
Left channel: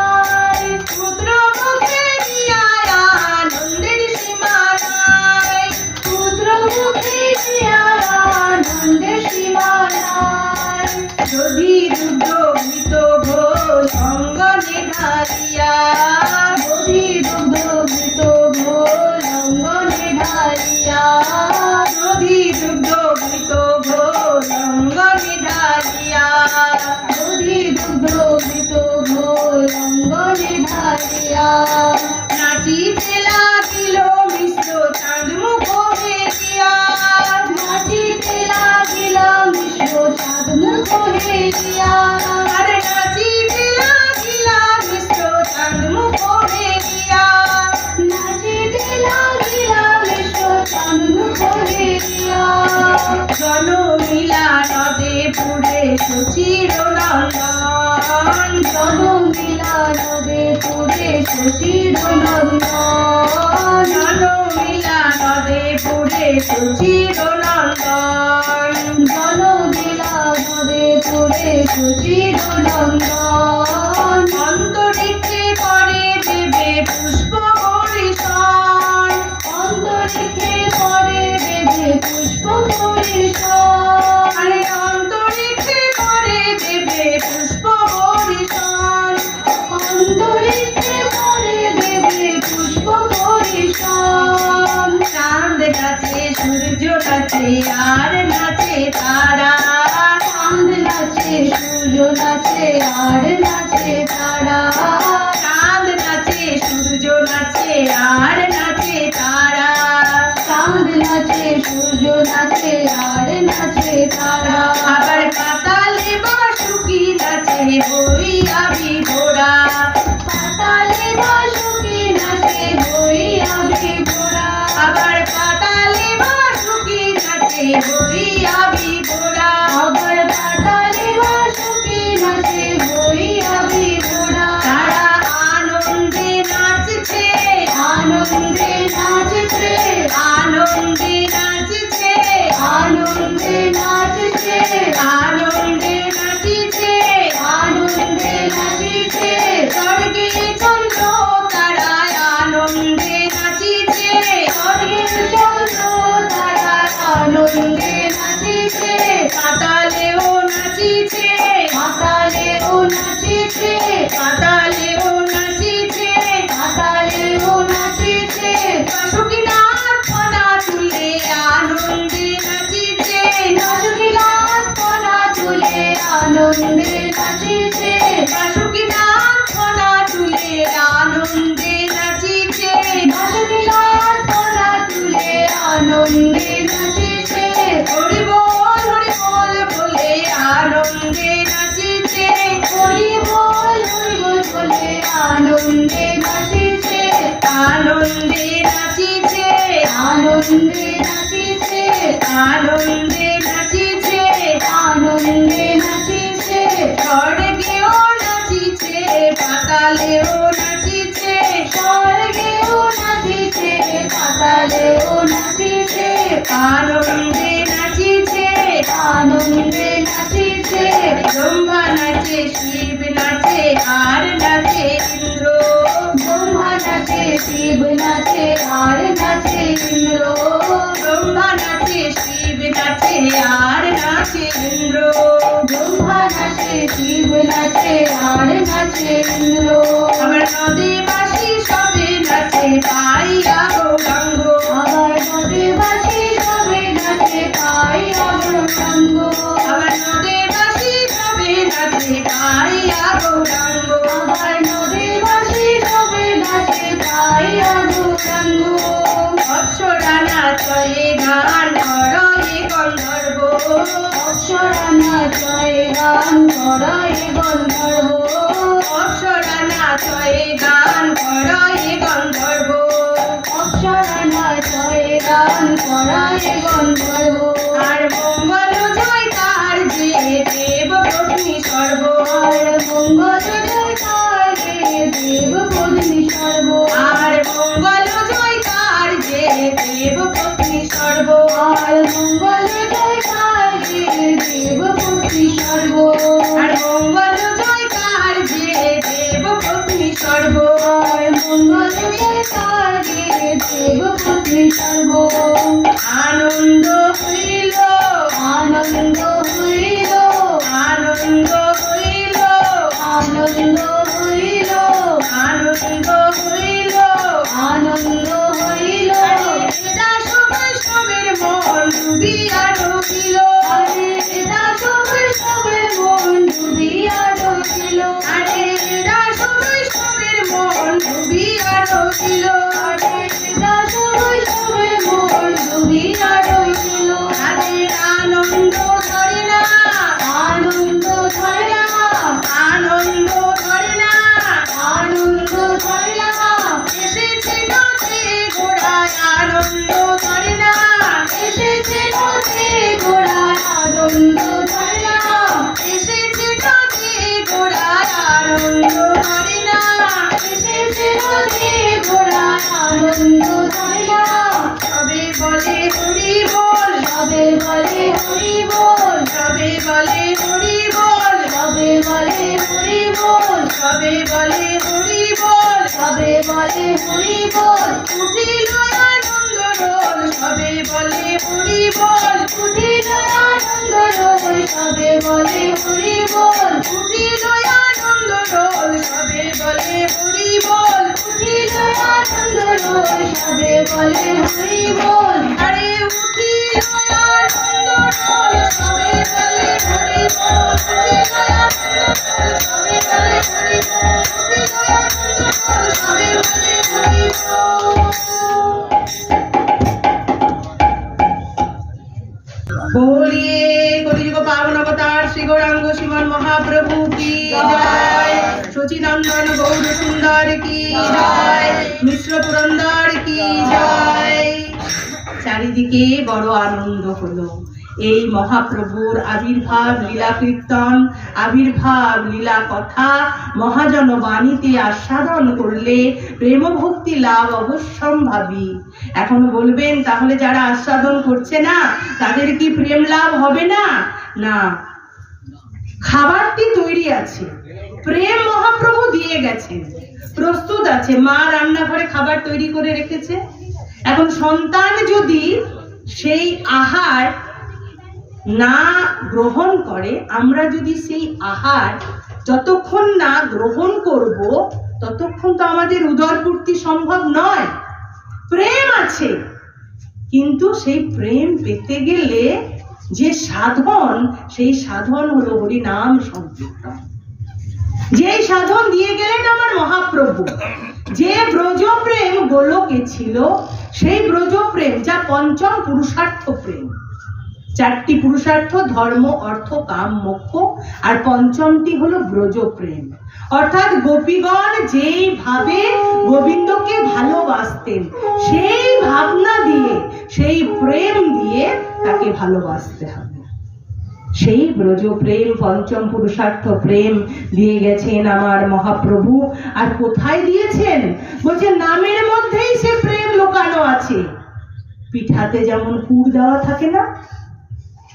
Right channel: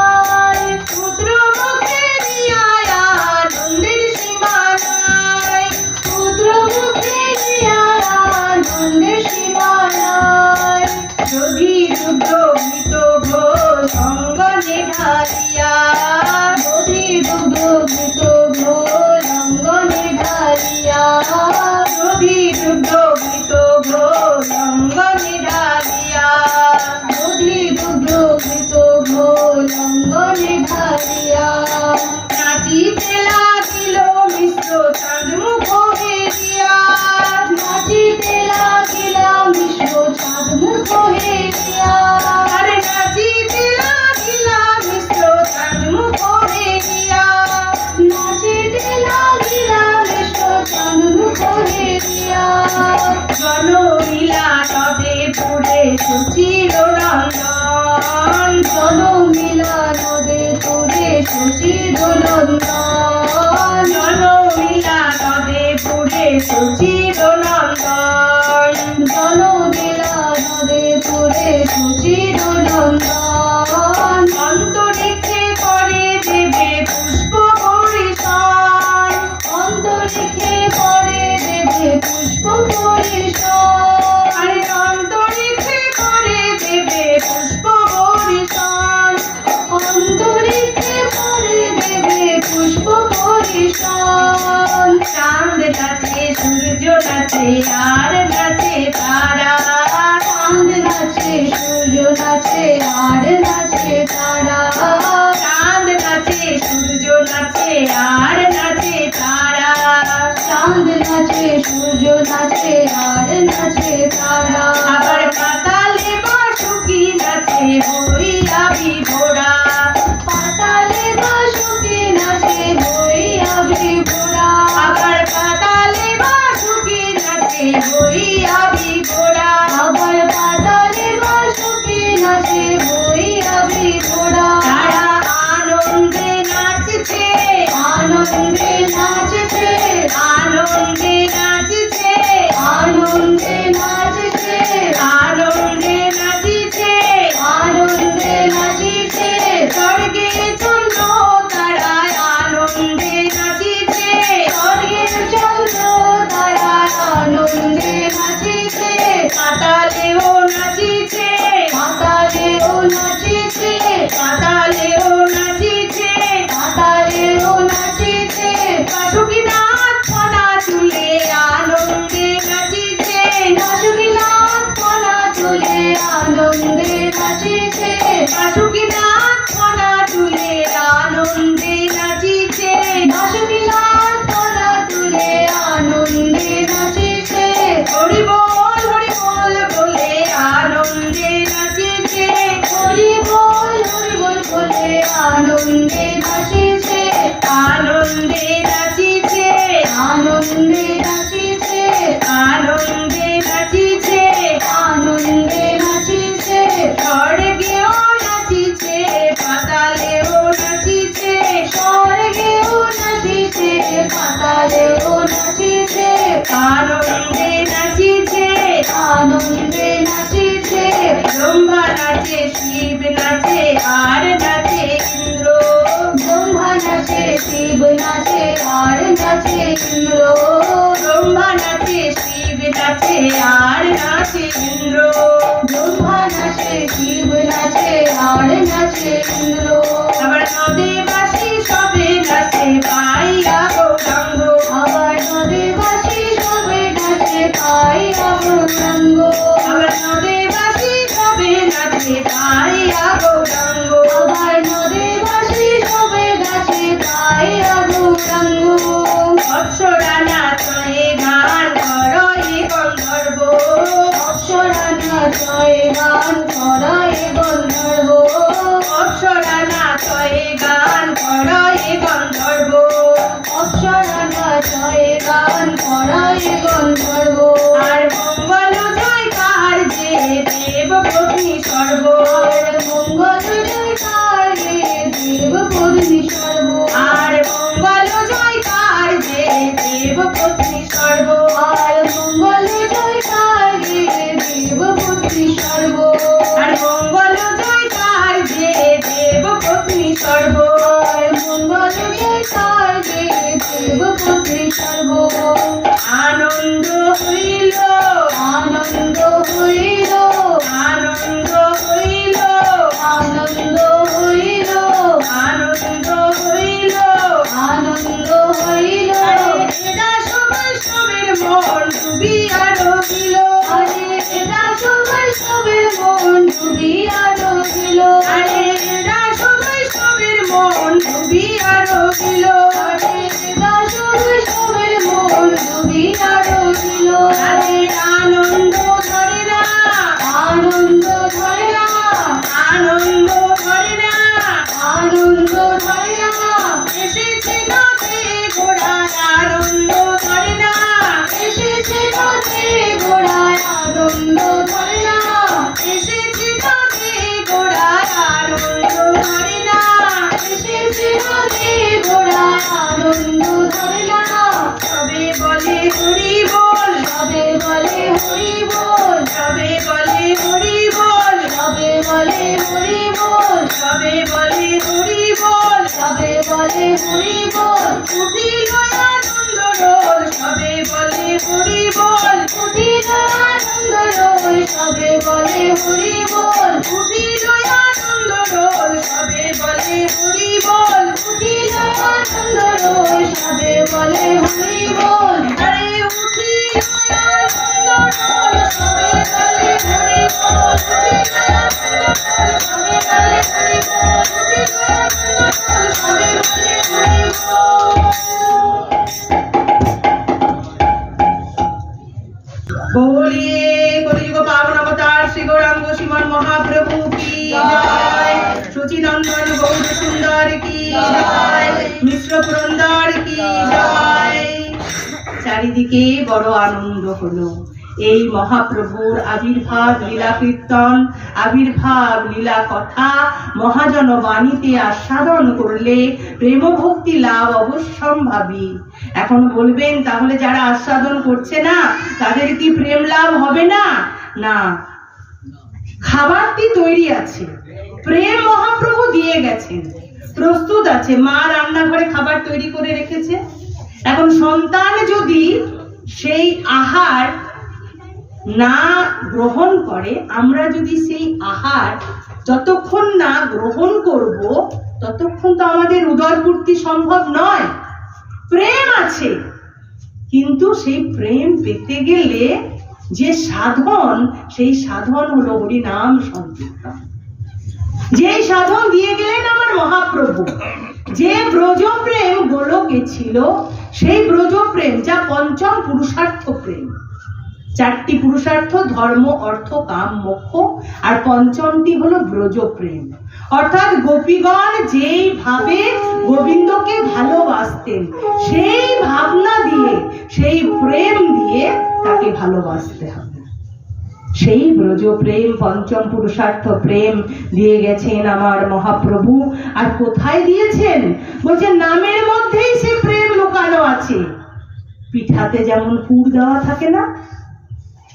নাই, পুত্র মুখে দিয়ায় আনন্দের সীমা নাই, পুত্র মুখে দিয়ায় আনন্দের সীমা নাই। যদি রুদ্র ভীত ঘোষ অঙ্গনে ঢালিয়া, যদি রুদ্র ভীত ঘোষ অঙ্গনে ঢালিয়া, যদি রুদ্র ভীত ঘোষ অঙ্গনে ঢালিয়া, যদি রুদ্র ভীত মুখ হেরিয়া, আরে নাচিতে লাগিলা মিশ্র চাঁদ মুখ হেরিয়া, নাচিতে লাগিলা মিশ্র চাঁদ মুখ হেরিয়া। জনমিলা নদে পুরে সুচির নন্দন, জনমিলা নদে পুরে সুচির নন্দন, জনমিলা নদে পুরে সুচির নন্দন, জনমিলা নদে পুরে সুচির নন্দন। অন্তরিক্ষে করে দেবে পুষ্প পরিশন, অন্তরিক্ষে করে দেবে পুষ্প পরিশন, আরে অন্তরিক্ষে করে দেবে পুষ্প পরিশন, অন্তরিক্ষে করে দেবে পুষ্প পরিশন। চাঁদ নাচে সূর্য নাচে আর নাচে তারা, চাঁদ নাচে সূর্য নাচে আর নাচে তারা, চাঁদ নাচে সূর্য নাচে আর নাচে তারা, চাঁদ নাচে সূর্য নাচে আর নাচে তারা। আবার পাতালে বাসুকি নাচে হইয়া বিভোরা, পাতালে বাসুকি নাচে হইয়া বিভোরা, আবার পাতালে বাসুকি নাচে হইয়া বিভোরা, আবার পাতালে বাসুকি নাচে হইয়া বিভোরা। তারা আনন্দে নাচছে, আনন্দে নাচছে, আনন্দে নাচছে, আনন্দে নাচছে, আনন্দে নাচিছে, আনন্দে নাচছে। স্বর্গে চন্দ্র তারায় আনন্দে নাচিছে, স্বর্গের চন্দ্র তারায় আনন্দে নাচিছে, পাতালেও নাচিছে, পাতালেও নাচিছে, পাতালেও নাচিছে, পাতালেও নাচিছে। বাসুকি নাচ ফনা তুলে আনন্দে নাচিছে, বাসুকি নাচ ফনা তুলে আনন্দে নাচিছে, বাসুকি নাচ ফনা তুলে আনন্দে নাচিছে, বাসুকি নাচ ফনা তুলে আনন্দে নাচিছে। হরি বল বলে আনন্দে নাচিছে, হরি বল বলে আনন্দে নাচিছে, আনন্দে নাচিছে, আনন্দে নাচিছে, আনন্দে নাচিছে, আনন্দে নাচিছে। স্বর্গেও নাচিছে, পাতালেও নাচিছে, স্বর্গেও নাচিছে, পাতালেও নাচিছে, আনন্দে নাচিছে, আনন্দে নাচিছে। ব্রহ্মা নাচে শিব নাচে আর নাচে ইন্দ্র, ব্রহ্মা নাচে শিব নাচে আর নাচে ইন্দ্র, ব্রহ্মা নাচে শিব নাচে আর নাচে ইন্দ্র, ব্রহ্মা নাচে শিব নাচে আর নাচে ইন্দ্র। আবার নদে বাসি সবে নাচে পাইয়া গৌরাঙ্গ, আবার নদে বাসি সবে নাচে পাইয়া গৌরাঙ্গ, আবার নদে বাসি সবে নাচে পাইয়া গৌরাঙ্গ, আবার নদে বাসি সবে নাচে পাইয়া গৌরাঙ্গ। অপ্সরা নাচয়ে গান করয়ে গন্ধর্ব, অপ্সরা নাচয়ে গান করায় গন্ধর্ব, অপ্সরা নাচয়ে গান করয়ে গন্ধর্ব, অপ্সরা নাচয়ে গান করায় গন্ধর্ব। আর মঙ্গল জয়কার যে দেব পত্নী সর্ব, আর মঙ্গল জয়কার গে দেব পত্নী সর্ব, আর মঙ্গল জয়কার যে দেব পত্নী সর্ব, আর মঙ্গল জয়কার গে দেব পত্নী সর্ব, আর মঙ্গল জয়কার যে দেব পত্নী সর্ব, আর মঙ্গল জয়কার গে দেব পত্নী সর্ব। আনন্দ হইল, আনন্দ হইল, আনন্দ হইল, আনন্দ হইল, আনন্দ হইল, আনন্দ হইল। আরে এরা সবাই সবের মন ডুবিয়া রহিল, আরে এরা সবাই সবের মন ডুবিয়া রহিল, আরে এরা সবাই সবের মন ডুবিয়া রহিল, আরে এরা সবাই সবের মন ডুবিয়া রহিল। তাদের আনন্দ ধরে না, হরি বল, সবে বলে হরি বল, সবে বলে হরি বল, সবে বলে হরি বল, সবে বলে হরি বল, সবে বলে হরি বল, উঠিল আনন্দ রোল, সবে বলে হরি বল, উঠিল আনন্দ রোল, সবে বলে হরি বল, উঠিল আনন্দ রোল, সবে বলে হরি বল, উঠিল আনন্দ রোল, সবে বলে হরি বল, আরে উঠিল আনন্দ রোল, সবে বলে হরি বল, উঠিল আনন্দ রোল, সবে বলে হরি বল, উঠিল আনন্দ রোল, সবে বলে হরি বল। बोलिए कलियुग पावन अवतार श्री गौरांग श्रीमान महाप्रभु की जय, सचिनंदन गौर सुंदर की जय, मिश्र पुरंदर की जय। চারিদিকে বড় আনন্দ হলো। এই মহাপ্রভুর আবির্ভাব লীলা কীর্তন, আবির্ভাব লীলা কথা মহাজন বাণীতে আস্বাদন করলে প্রেম ভক্তি লাভ অবশ্যম্ভাবী। এখন বলবেন তাহলে যারা আস্বাদন করছে না তাদের কি প্রেম লাভ হবে না? না, খাবারটি তৈরি আছে, প্রেম মহাপ্রভু দিয়ে গেছেন, প্রস্তুত আছে, মা রান্নাঘরে খাবার তৈরি করে রেখেছে। এখন সন্তান যদি সেই আহার না গ্রহণ করে, আমরা যদি সেই আহার যতক্ষণ না গ্রহণ করব ততক্ষণ তো আমাদের উদরপূর্তি সম্ভব নয়। প্রেম আছে, কিন্তু সেই প্রেম পেতে গেলে যে সাধন, সেই সাধন হলো হরি নাম সংকীর্তন। যেই সাধন দিয়ে গেলেন আমার মহাপ্রভু, যে ব্রজ প্রেম গোলকে ছিল, সেই ব্রজ প্রেম যা পঞ্চম পুরুষার্থ প্রেম। চারটি পুরুষার্থ ধর্ম অর্থ কাম মোক্ষ, আর পঞ্চমটি হলো ব্রজ প্রেম। অর্থাৎ গোপীগণ যেই ভাবে গোবিন্দকে ভালোবাসতেন, সেই ভাবনা দিয়ে, সেই প্রেম দিয়ে তাকে ভালোবাসতে হবে। সেই ব্রজ প্রেম, পঞ্চম পুরুষার্থ প্রেম দিয়ে গেছেন আমার মহাপ্রভু। আর কোথায় দিয়েছেন? বলছেন নামের মধ্যেই সে প্রেম লুকানো আছে। পিঠাতে যেমন পুর দেওয়া থাকে না,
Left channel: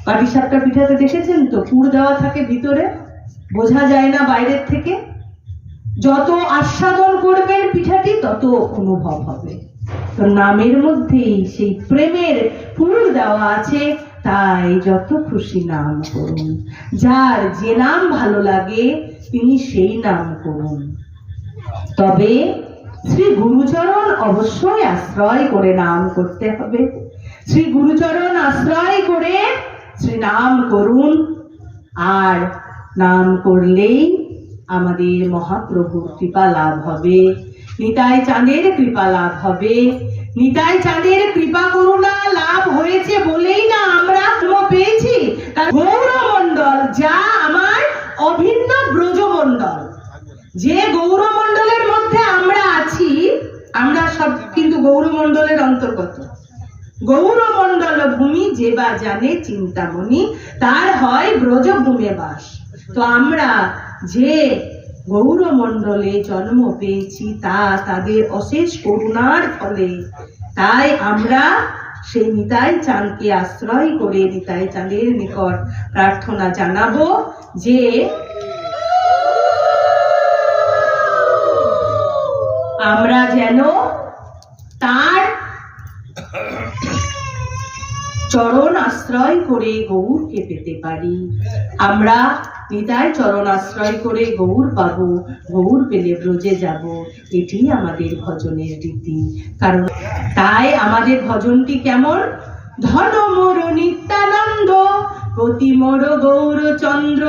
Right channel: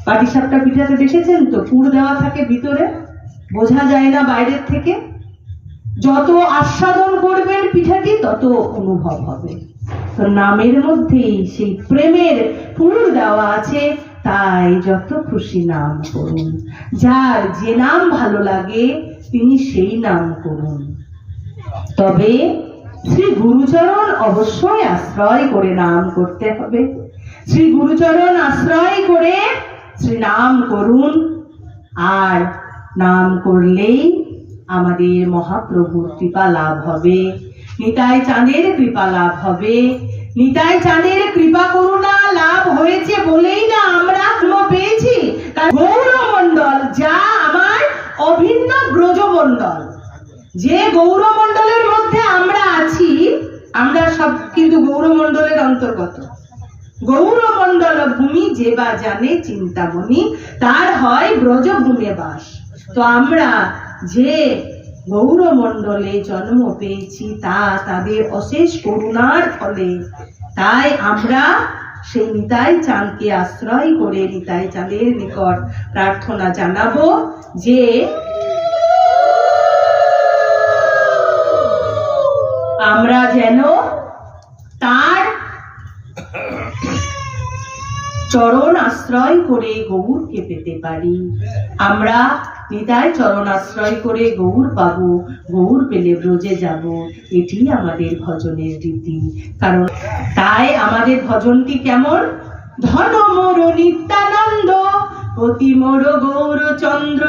পাটিসাপটা পিঠাতে দেখেছেন তো, পুর দেওয়া থাকে ভিতরে, বোঝা যায় না বাইরের থেকে। যত আস্বাদন করবেন পিঠাটি তত অনুভব হবে। তো নামের মধ্যেই সেই প্রেমের পুর দেওয়া আছে, তাই যত খুশি নাম করুন। যার যে নাম ভালো লাগে তিনি সেই নাম করুন। তবে শ্রী গুরুচরণ অবশ্যই আশ্রয় করে নাম করতে হবে। শ্রী গুরুচরণ আশ্রয় করে শ্রী নাম করুন। আর নাম করলেই আমাদের মহাপ্রভুর কৃপা লাভ হবে, নিতাই চাঁদের কৃপা লাভ হবে। নিতাই চাঁদের কৃপা করুণা লাভ হয়েছে বলেই না আমরা পেয়েছি গৌরমণ্ডল, যা আমার অভিন্ন ব্রজমণ্ডল। যে গৌরমণ্ডলের মধ্যে আমরা আছি, আমরা সব কিন্তু গৌরমণ্ডলের অন্তর্গত। গৌরমণ্ডল ভূমি যে বা জানে চিন্তামণি, তার হয় ব্রজভূমে বাস। তো আমরা যে গৌরমণ্ডলে জন্ম পেয়েছি তা তাদের অশেষ করুণার ফলে। তাই আমরা সেই নিতাই চাঁদকে আশ্রয় করে নিতাই চাঁদের নিকট প্রার্থনা জানাবো যে আমরা যেন তার চরণ আশ্রয় করে গৌরকে পেতে পারি। আমরা নিতাই চরণ আশ্রয় করে গৌর পাবো, গৌর পেলে ব্রজে যাব, এটি আমাদের ভজনের রীতি। কারণ তাই আমাদের ভজনটি কেমন? ধন মোর নিত্যানন্দ, প্রতি মোর গৌরচন্দ্র,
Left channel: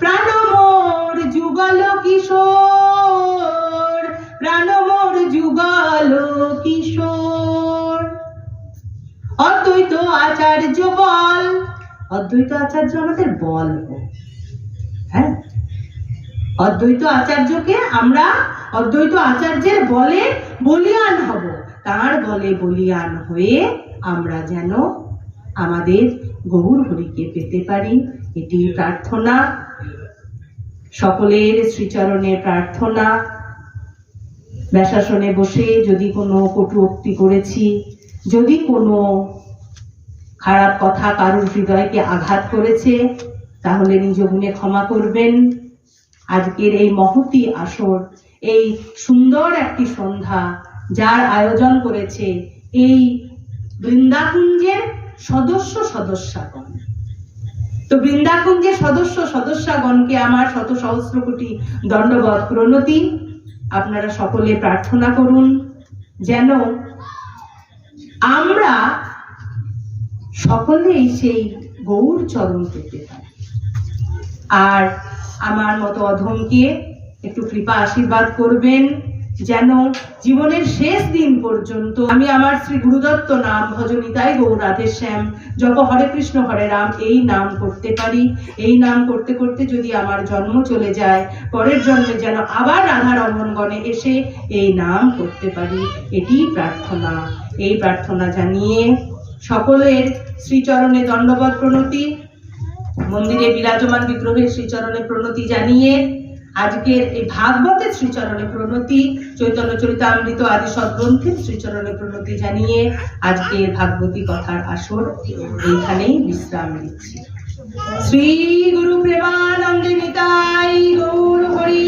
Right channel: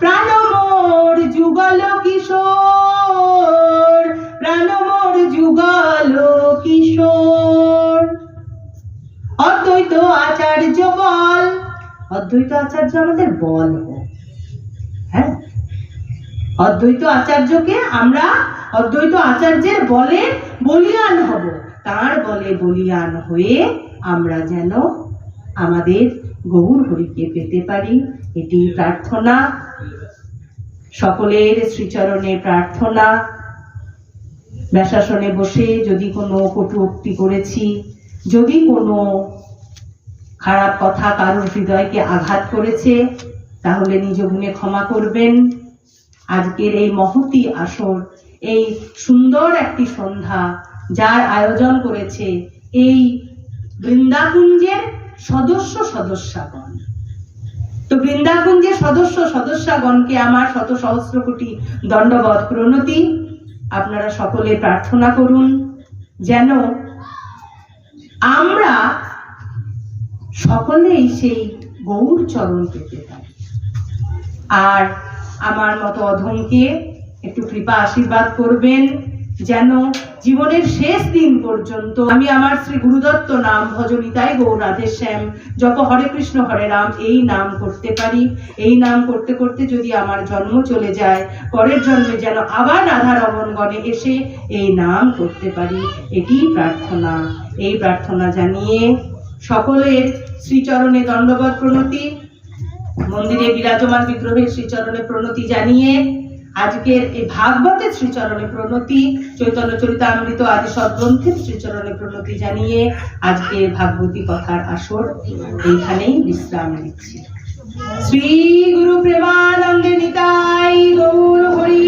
প্রাণ মোর যুগল কিশোর, প্রাণ মোর যুগল কিশোর। অদ্বৈত আচার্য বল, অদ্বৈত আচার্য আমাদের বল হোক। হ্যাঁ, অদ্বৈত আচার্যকে আমরা অদ্বৈত আচার্যের বলে বলিয়ান হব। তার বলে বলিয়ান হয়ে আমরা যেন আমাদের গৌর হরিকে পেতে পারি, এটি প্রার্থনা। সকলের শ্রীচরণে প্রার্থনা। ব্যাসাসনে বসে যদি কোনো কটূক্তি করেছি, যদি কোনো খারাপ কথা কারোর হৃদয়কে আঘাত করেছে তাহলে নিজ গুণে ক্ষমা করবেন। আজকের এই মহতী আসর, এই সুন্দর একটি সন্ধ্যা যার আয়োজন করেছে এই বৃন্দাকুঞ্জের সদস্যগণ, তো বৃন্দাকুঞ্জের সদস্যগণকে আমার শত সহস্র কোটি দণ্ডবৎ প্রণতি। আপনারা সকলে প্রার্থনা করুন যেন আমরা সকলেই সেই গৌর চরণ পেতে পারি। আর আমার মতো অধমকে একটু কৃপা আশীর্বাদ করবেন যেন জীবনের শেষ দিন পর্যন্ত আমি আমার শ্রী গুরুদত্ত নাম ভজনিতাই গৌর রাধে শ্যাম জপ হরে কৃষ্ণ হরে রাম এই নাম করতে পারি। এই নাম করতে করতে যদি আমার জন্ম চলে যায়, পরের জন্মে যেন আবার রাধা রমণ গণে এসে এই নাম করতে পারি, এটি প্রার্থনা। এই প্রার্থনা জানিয়ে সকলের শ্রীচরণে দণ্ডবৎ প্রণতি, মন্দিরে বিরাজমান বিগ্রহের শ্রীচরণে প্রণতি জানিয়ে, আজকের এই ভাগবতের শ্রীচরণে প্রণতি, চৈতন্য চরিতামৃত আদি সদ্গ্রন্থের শ্রীচরণে প্রণতি জানিয়ে আজকের ভাগবতী কথার আসর এইখানেই বিশ্রাম দিচ্ছি। শ্রী গুরু প্রেমানন্দে নিতাই গৌর হরি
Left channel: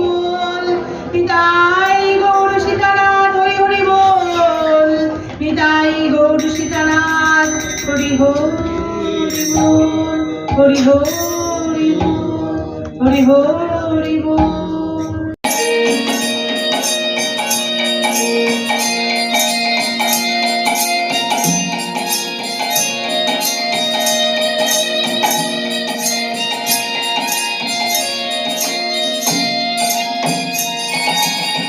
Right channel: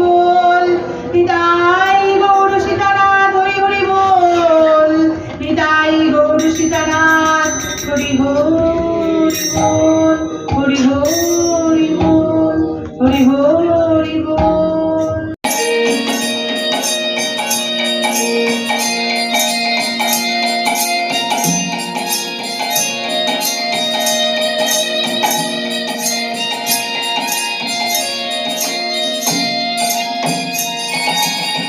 বল, নিতাই গৌর সীতানাথ হরি হরি বল, নিতাই গৌর সীতানাথ হরি হরি বল, হরি হরি বল, হরি হরি।